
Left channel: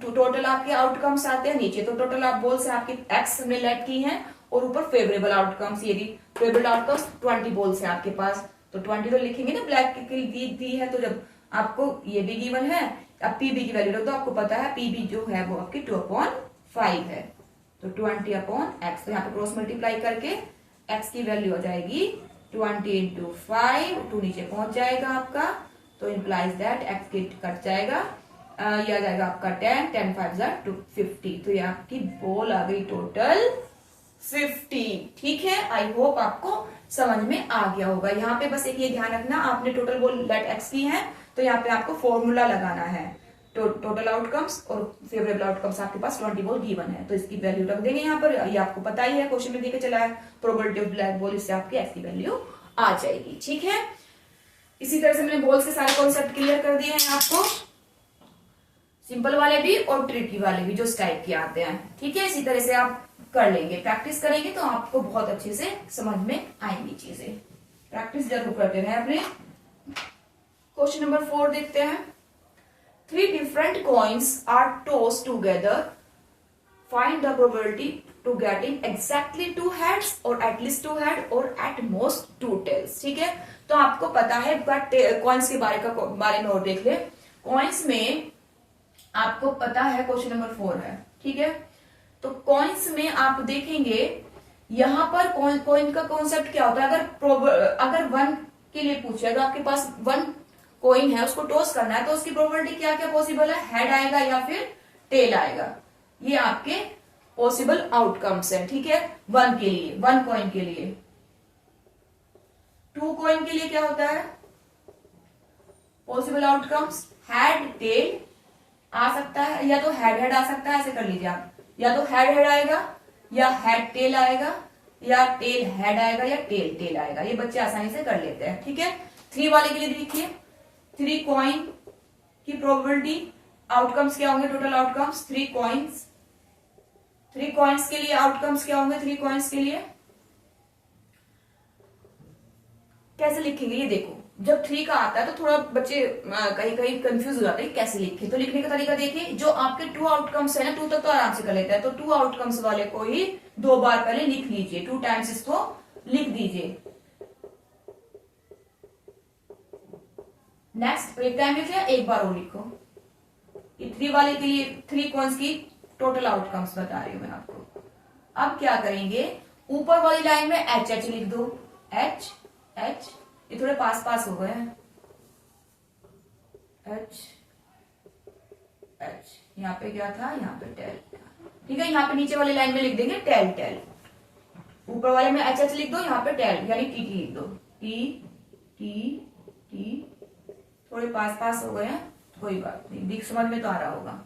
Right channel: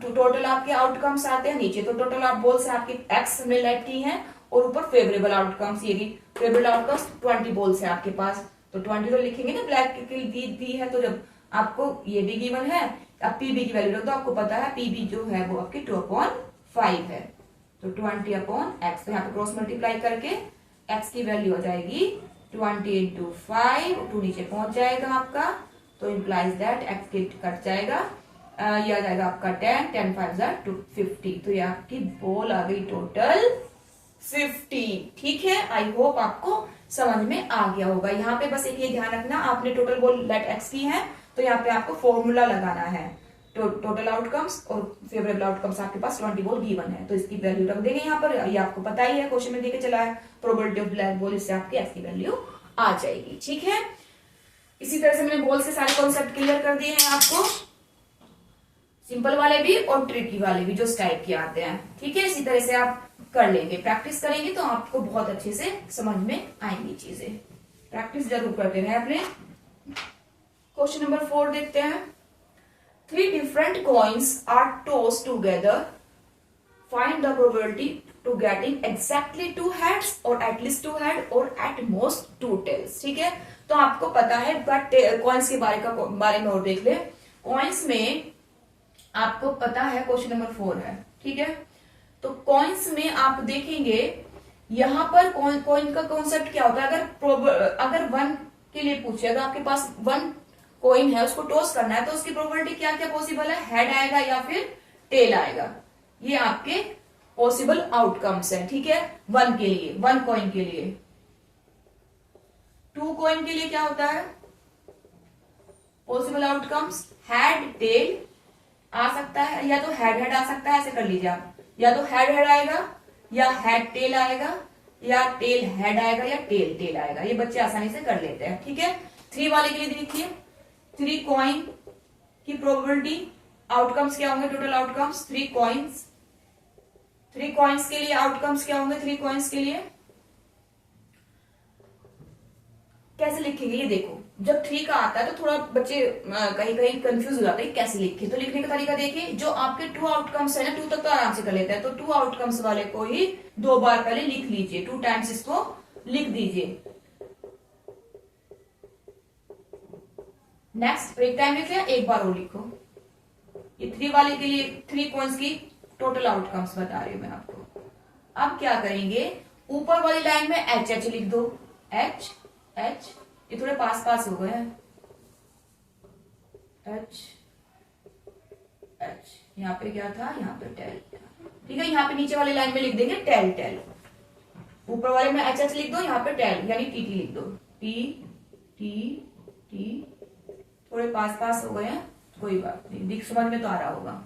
टोटल आपके आउटकम्स आते हैं नीचे, तो टोटल आप बॉल्स आपकी एक्स हमने लेट की है, और ऊपर फेवरेबल आउटकम्स, ये फेवरेबल आउटकम्स 20 बॉल्स है आपके पास। तो 20 तो लिखेंगे ना, ब्लैक की दी है, तो जब आपको ये भी गिवन है, अब PB की वैल्यू रख दो। आपको पता है PB जो है वो आपकी 2/5 है, तो 20/x, तो यहाँ पे क्रॉस मल्टीप्लाई करके x की वैल्यू आ जाएगी 20 × 5, 2 नीचे पहुंच जाएगा आपका, तो इंप्लाइज दैट x के कट जाएगा, ये आ जाएगा आपका 10 5 = 50। तो ये आपकी बॉल आ गई टोटल 50, ठीक है। आई होप आपको समझ में आ गया होगा। यहाँ पे बस एक ये ध्यान रखना, आपने टोटल बॉल लेट x की है, तो यहाँ पे आपको फॉर्मूला लगाना है, टोटल आउटकम्स और फेवरेबल आउटकम्स आपके पास 20 बॉल गिवन है, तो इसकी वैल्यू रख देंगे यहाँ पर। ये आपको पता ही है, क्वेश्चन में देके चला है प्रोबेबिलिटी ऑफ ब्लैक बॉल, इससे आपकी x की वैल्यू आ जाएगी, ठीक है। इसी तरह से मैंने बॉल्स के सारे कॉन्सेप्ट क्लियर कर दिए हैं आपको, सिंपल वाले भी और ट्रिकी वाले भी जो इस टाइप के आते हैं, ठीक है। इसी तरह से आप कर लेंगे, प्रैक्टिस करेंगे तो आपको बहुत अच्छे से समझ में आएंगी चीजें। प्रैक्टिस जरूर करते रहे अपने। क्वेश्चन नंबर 4 देखते हैं। 3 different coins are tossed together. Find the probability to getting exactly 2 heads or at least 2 head or at most 2 tails, ठीक है। तो आपको पता है, बट कॉइन्स के बारे में और देख ले। कॉइन्स में आपको पता है क्वेश्चन नंबर 4 है, ठीक है। तो कॉइन्स में आप देखेंगे, यहां पर कॉइन का कॉन्सेप्ट क्या होता है, अगर 1 के लिए पूछे, अगर आपके पास 1 कॉइन है, उसको टॉस करना है, तो उसकी प्रोबेबिलिटी क्या क्या पॉसिबल है, हेड आएगा या फिर टेल आएगा, ये आपके पॉसिबल आउटकम्स है, ठीक है। 1 के लिए, 1 कॉइन के लिए। 2 कॉइन के लिए क्या होता है, पॉसिबल आउटकम्स हेड टेल आ सकता है, या तो हेड आ सकता है, ऐसे कर लीजिए आप, या तो हेड आएगा, या हेड टेल आएगा, या टेल हेड आएगा, या टेल टेल आएगा। ये बच्चे आसानी से कर लेते हैं, ठीक है। 3 वाले के लिए देखिए, 3 कॉइन की प्रोबेबिलिटी, आउटकम्स क्या होंगे, टोटल आउटकम्स 3 कॉइन्स। 3 कॉइन्स के लिए आउटकम्स क्या होंगे, 3 कॉइन्स के लिए कैसे लिखेंगे, ये देखो। जब 3 का आता है तो थोड़ा बच्चे कहीं कहीं कंफ्यूज हो जाते हैं कैसे लिखे, तो लिखने का तरीका देखिए। जो आपके 2 आउटकम्स है ना, 2 तक तो आराम से कर लेते हैं, तो 2 आउटकम्स वाले को ही 2 बार पहले लिख लीजिए, 2 टाइम्स इसको लिख दीजिए। नेक्स्ट एक टाइम लिखिए, एक बार और लिखो। ये 3 वाले के लिए 3 कॉइन्स की टोटल आउटकम्स बता रही हूं मैं आपको। अब क्या करेंगे, ऊपर वाली लाइन में एच लिख दो, एच, ये थोड़े पास हो गए हैं, एच, यहाँ पे क्या था, यहाँ पे टेल, ठीक है। यहाँ पे नीचे वाली लाइन में लिख देंगे टेल, ऊपर वाले में एच लिख दो, यहाँ पे टेल यानी टी लिख दो, टी, थोड़े पास हो गए हैं, कोई बात नहीं, दिख समझ में तो आ रहा होगा,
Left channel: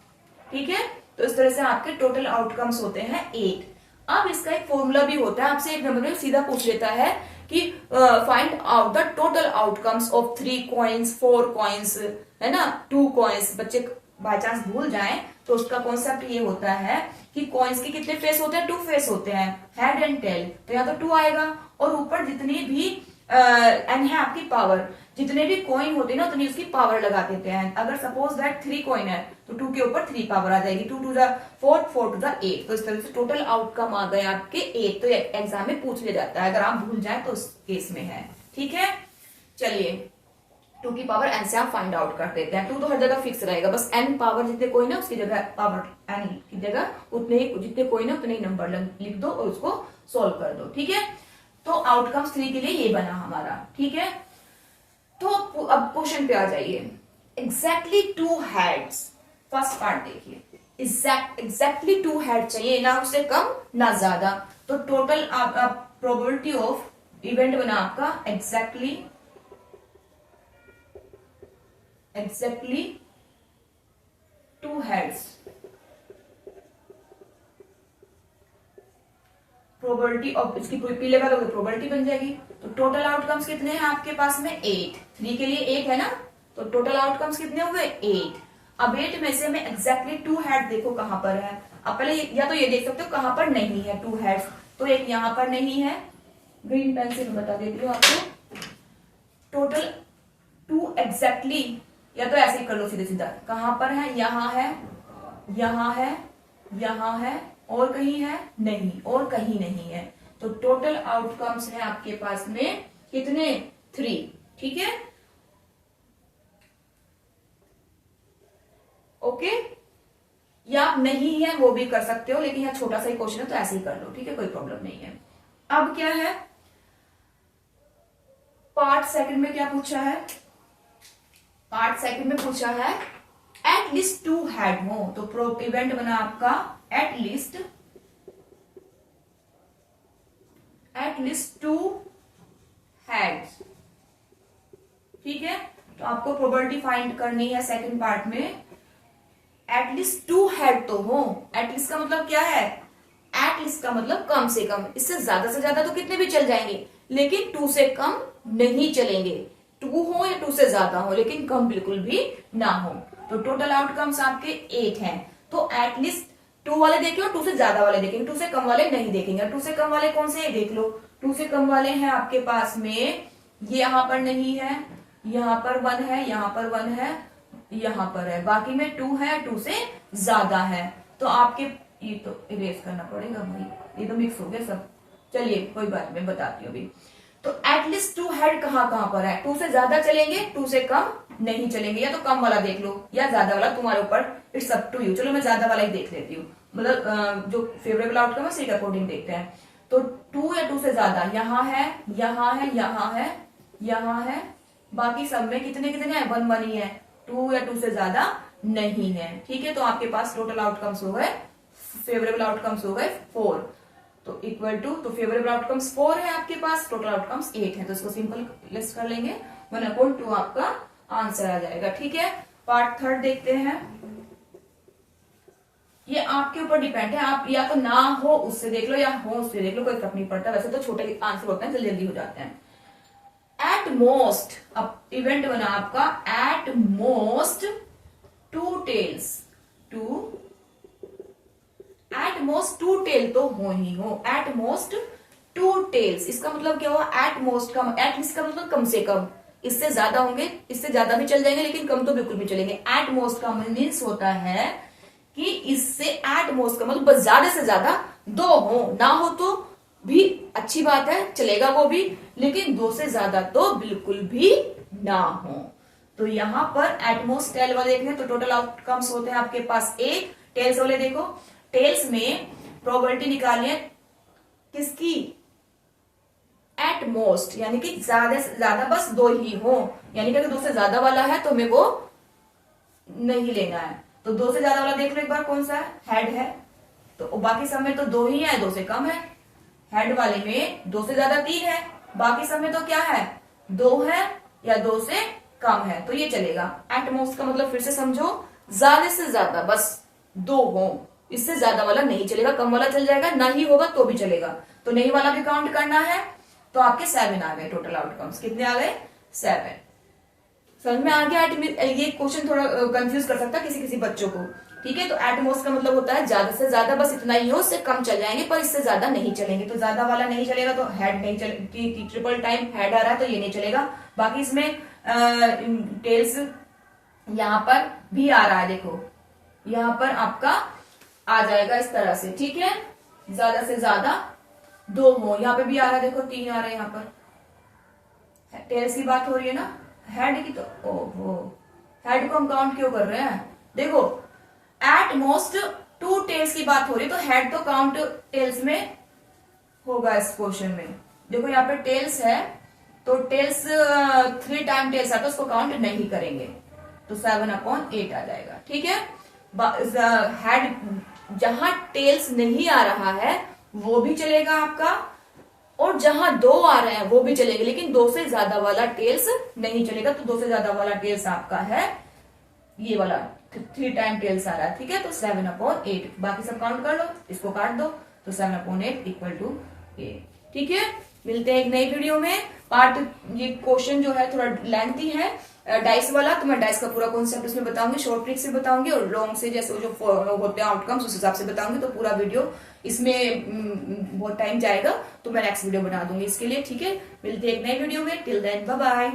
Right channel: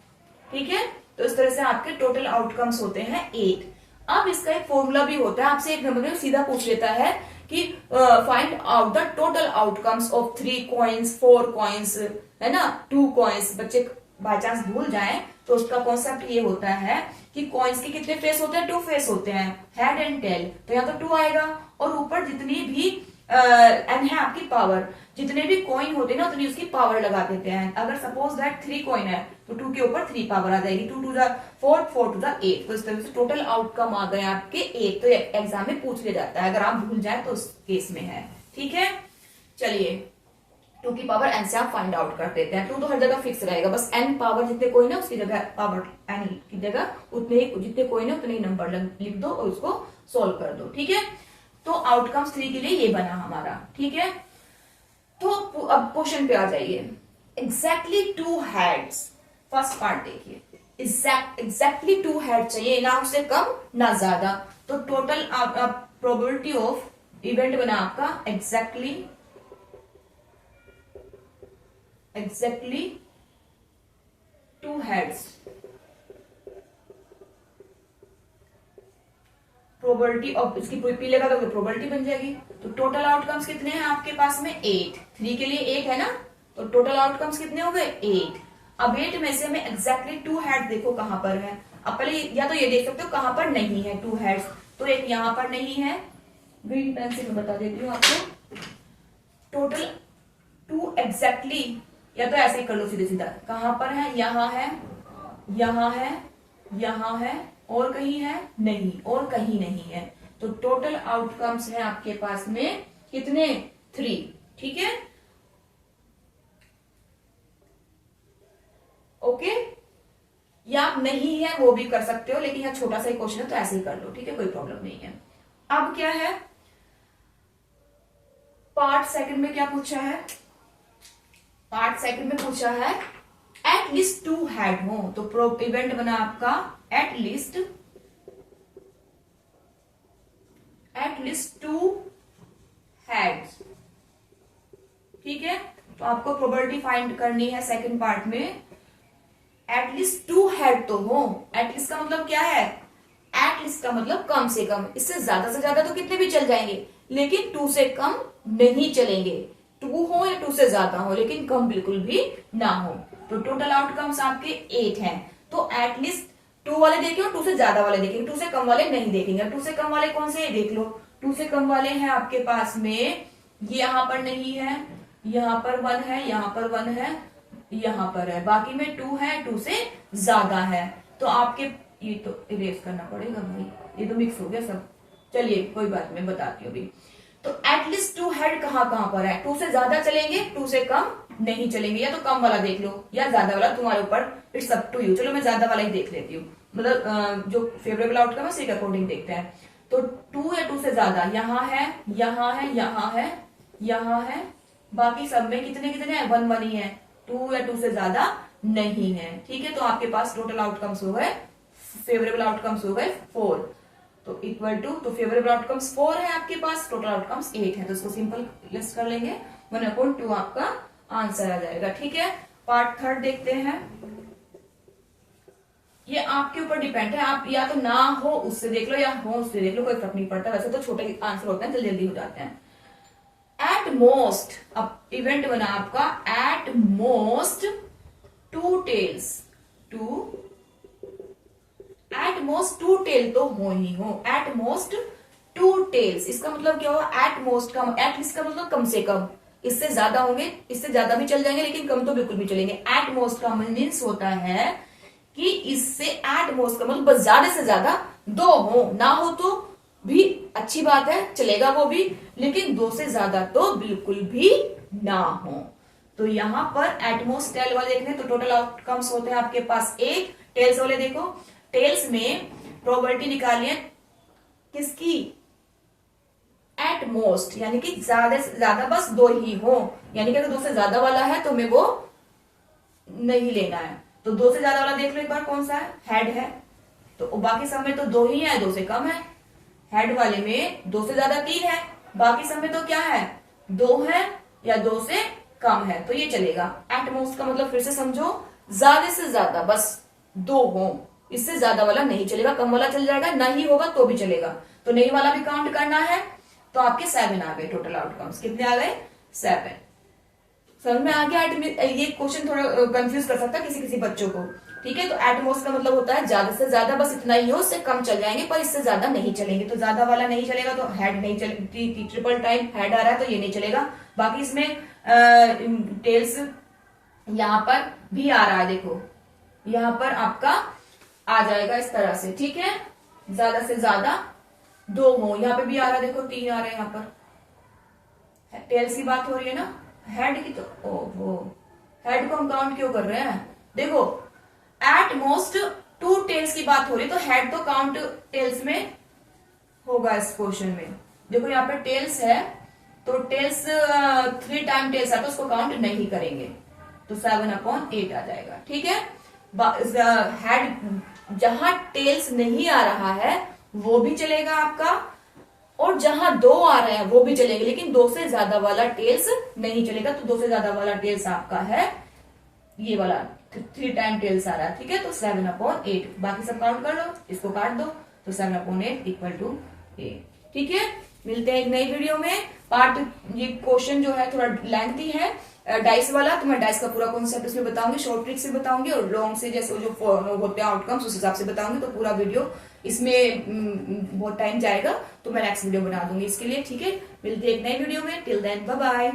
ठीक है। तो इस तरह से आपके टोटल आउटकम्स होते हैं 8। अब इसका एक फॉर्मूला भी होता है, आपसे एक नंबर में सीधा पूछ लेता है कि find out the total outcomes of 3 coins, 4 coins, है ना, 2 कॉइन्स। बच्चे बाय चांस भूल जाएं तो उसका कॉन्सेप्ट ये होता है कि कॉइन्स के कितने फेस होते हैं, 2 फेस होते हैं, हेड एंड टेल, तो यहाँ तो 2 आएगा। और ऊपर जितनी भी एन है आपकी पावर, जितने भी कॉइन होते हैं ना उतनी उसकी पावर लगा देते हैं। अगर सपोज दैट 3 कॉइन है तो 2 के ऊपर 3 पावर आ जाएगी, 2 टू द 4, 4 टू द 8। तो इस तरह से टोटल आउटकम आ गए आपके 8। तो एग्जाम में पूछ लिया जाता है, अगर आप भूल जाए तो उस केस में है। ठीक है, चलिए 2 की पावर n से आप फाइंड आउट कर देते हैं। 2 तो हर जगह फिक्स रहेगा, बस n पावर जितने कोई ना उसकी जगह पावर n की जगह उतने ही जितने कोई ना उतने ही नंबर लिख दो और उसको सोल्व कर दो। ठीक है, तो आउटकम्स 3 के लिए ये बना हमारा। ठीक है, तो अब क्वेश्चन पे आ जाइए। एग्जैक्टली 2 हेड्स, फर्स्ट पार्ट देखिए, एग्जैक्टली 2 हेड चाहिए, ना उससे कम ना ज्यादा। तो टोटल प्रोबेबिलिटी ऑफ इवेंट बना आपका एग्जैक्टली 2 हेड्स। प्रोबेबिलिटी ऑफ इसकी पीले का तो प्रोबेबिलिटी बन जाएगी। तो टोटल आउटकम्स कितने हैं आपके पास में 8, 3 के लिए 8 है ना, तो टोटल आउटकम्स कितने हो गए 8। अब 8 में से हमें एग्जैक्टली 2 हेड देखो कहां पर है। अब पहले या तो ये देख सकते हो कहां पर नहीं है 2 हेड्स, तो एक यहां पर नहीं है, ग्रीन पेन से बता देती हूँ आपको। टोटल 2 एग्जैक्टली, या तो ऐसे ही कर लो सीधे सीधा, कहां पर है, यहां है, यहां है, यहां है, और कहीं है नहीं, और कहीं नहीं है। तो टोटल आउटकम्स है आपके पास में कितने 3। ठीक है, ओके, या आप नहीं है वो भी कर सकते हो, लेकिन यहां छोटा सा ही क्वेश्चन है तो ऐसे ही कर लो। ठीक है, कोई प्रॉब्लम नहीं है। अब क्या है, पार्ट सेकंड में क्या पूछा है, पार्ट सेकंड में पूछा है एटलीस्ट 2 हेड हो। तो इवेंट बना आपका एटलीस्ट 2 हेड्स। ठीक है, तो आपको प्रोबेबिलिटी फाइंड करनी है सेकंड पार्ट में। एटलीस्ट 2 हेड तो हो, एटलीस्ट का मतलब क्या है, एटलीस्ट का मतलब कम से कम, इससे ज्यादा तो कितने भी चल जाएंगे, लेकिन 2 से कम नहीं चलेंगे। 2 हो या 2 से ज्यादा हो, लेकिन कम बिल्कुल भी ना हो। तो टोटल आउटकम्स आपके 8 हैं। तो एटलीस्ट 2 वाले देखेंगे, 2 से ज्यादा वाले देखेंगे, 2 से कम वाले नहीं देखेंगे। 2 से कम वाले कौन से, ये देख लो। 2 से कम वाले हैं आपके पास में, ये यहां पर नहीं है, यहां पर 1 है, यहां पर 1 है, यहां पर है, बाकी में 2 है, 2 से ज्यादा है। तो आपके, ये तो इरेज करना पड़ेगा भाई, ये तो मिक्स हो गया सब। चलिए कोई बात नहीं, बताती हूँ अभी। तो एटलीस्ट 2 हेड कहां पर है, 2 से ज्यादा चलेंगे, 2 से कम नहीं चलेंगे। या तो कम वाला देख लो या ज्यादा वाला, तुम्हारे ऊपर, इट्स अप टू यू। चलो मैं ज्यादा वाला ही देख लेती हूँ, मतलब जो फेवरेबल आउटकम है उसी के अकॉर्डिंग देखते हैं। तो 2 या 2 से ज्यादा, यहाँ है, यहाँ है, यहाँ है, यहाँ है, बाकी सब में कितने कितने हैं, 1 1 ही है। 2 या 2 से ज्यादा नहीं है। ठीक है, तो आपके पास टोटल आउटकम्स हो गए, फेवरेबल आउटकम्स हो गए 4। तो इक्वल टू, तो फेवरेबल आउटकम्स 4 है आपके पास, टोटल आउटकम्स 8 है। तो इसको सिंपल लिस्ट कर लेंगे, 1/2 आपका आंसर आ जाएगा। ठीक है, पार्ट थर्ड देखते हैं। ये आपके ऊपर डिपेंड है, आप या तो ना हो उससे देख लो या हो उससे देख लो, कोई फर्क नहीं पड़ता। वैसे तो छोटे आंसर होते हैं, जल्दी जल्दी हो जाते हैं। एट मोस्ट, अब इवेंट बना आपका at most 2 tails, at most 2 tail तो हो ही हो, एट मोस्ट 2 टेल्स। इसका मतलब क्या हुआ, एट मोस्ट का, एटलीस्ट का मतलब कम से कम, इससे ज्यादा होंगे, इससे ज्यादा भी चल जाएंगे, लेकिन कम तो बिल्कुल भी चलेंगे। एट मोस्ट का मीन्स होता है कि इससे एट मोस्ट का मतलब बस ज्यादा से ज्यादा 2 हो, ना हो तो भी अच्छी बात है, चलेगा वो भी, लेकिन 2 से ज्यादा तो बिल्कुल भी ना हो। तो यहां पर एटमोस्ट टेल वाले देखने, तो टोटल आउटकम्स होते हैं आपके पास 8। टेल्स वाले देखो, टेल्स में प्रोबेबिलिटी निकालिए किसकी, एट मोस्ट, यानी कि ज्यादा से ज्यादा बस 2 ही हो, यानी कि अगर 2 से ज्यादा वाला है तो हमें वो नहीं लेना है। तो 2 से ज्यादा वाला देख लो एक बार, कौन सा है, हेड है। तो बाकी सब में तो 2 ही है, 2 से कम है। हेड वाले में 2 से ज्यादा 3 है, बाकी सब में तो क्या है, 2 है या 2 से कम है, तो ये चलेगा। एट मोस्ट का मतलब फिर से समझो, ज्यादा से ज्यादा बस 2 हो, इससे ज्यादा वाला नहीं चलेगा, कम वाला चल जाएगा, नहीं होगा तो भी चलेगा। तो नहीं वाला भी काउंट करना है, तो आपके 7 आ गए टोटल आउटकम्स। कितने आ गए, 7। समझ में आ गया। ये क्वेश्चन थोड़ा कंफ्यूज कर सकता है किसी किसी बच्चों को। ठीक है। तो एट मोस्ट का मतलब होता है ज्यादा से ज्यादा, बस इतना ही हो, उससे कम चल जाएंगे पर इससे ज्यादा नहीं चलेंगे। तो ज्यादा वाला नहीं चलेगा, तो हेड नहीं चले, ट्रिपल टाइम हेड आ रहा है तो ये नहीं चलेगा। बाकी इसमें टेल्स यहाँ पर भी आ रहा है, देखो यहाँ पर आपका आ जाएगा इस तरह से, ठीक है। ज्यादा से ज्यादा 2 हो, यहाँ पे भी आ रहा है, देखो 3 आ रहे हैं यहाँ पर। टेल्स की बात हो रही है ना, हेड की तो ओहो, हेड को हम काउंट क्यों कर रहे हैं, देखो एट मोस्ट 2 टेल्स की बात हो रही है, तो हेड तो काउंट टेल्स में होगा इस क्वेश्चन में। देखो यहाँ पे टेल्स है, तो टेल्स 3 टाइम टेल्स है तो उसको काउंट नहीं करेंगे, तो 7/8 आ जाएगा, ठीक है। हेड जहां टेल्स नहीं आ रहा है वो भी चलेगा आपका, और जहां 2 आ रहा है वो भी चलेगा, लेकिन 2 से ज्यादा वाला टेल्स नहीं चलेगा। तो 2 से ज्यादा वाला टेल्स आपका है ये वाला, 3 टाइम टेल्स आ रहा है, ठीक है। तो 7/8, बाकी सब काउंट कर लो, इसको काट दो, तो 7/8 = 8, ठीक है। मिलते हैं एक नई वीडियो में। पार्ट ये क्वेश्चन जो है थोड़ा लेंथी है डाइस वाला, तो मैं डाइस का पूरा कॉन्सेप्ट इसमें बताऊंगी, शॉर्ट ट्रिक से बताऊंगी, और लॉन्ग से जैसे जो होते हैं आउटकम्स उस हिसाब से बताऊंगी। तो पूरा वीडियो इसमें बहुत टाइम जाएगा, तो मैं नेक्स्ट वीडियो बना दूंगी इसके लिए, ठीक है। मिलते हैं एक नई वीडियो में, टिल देन बाय बाय।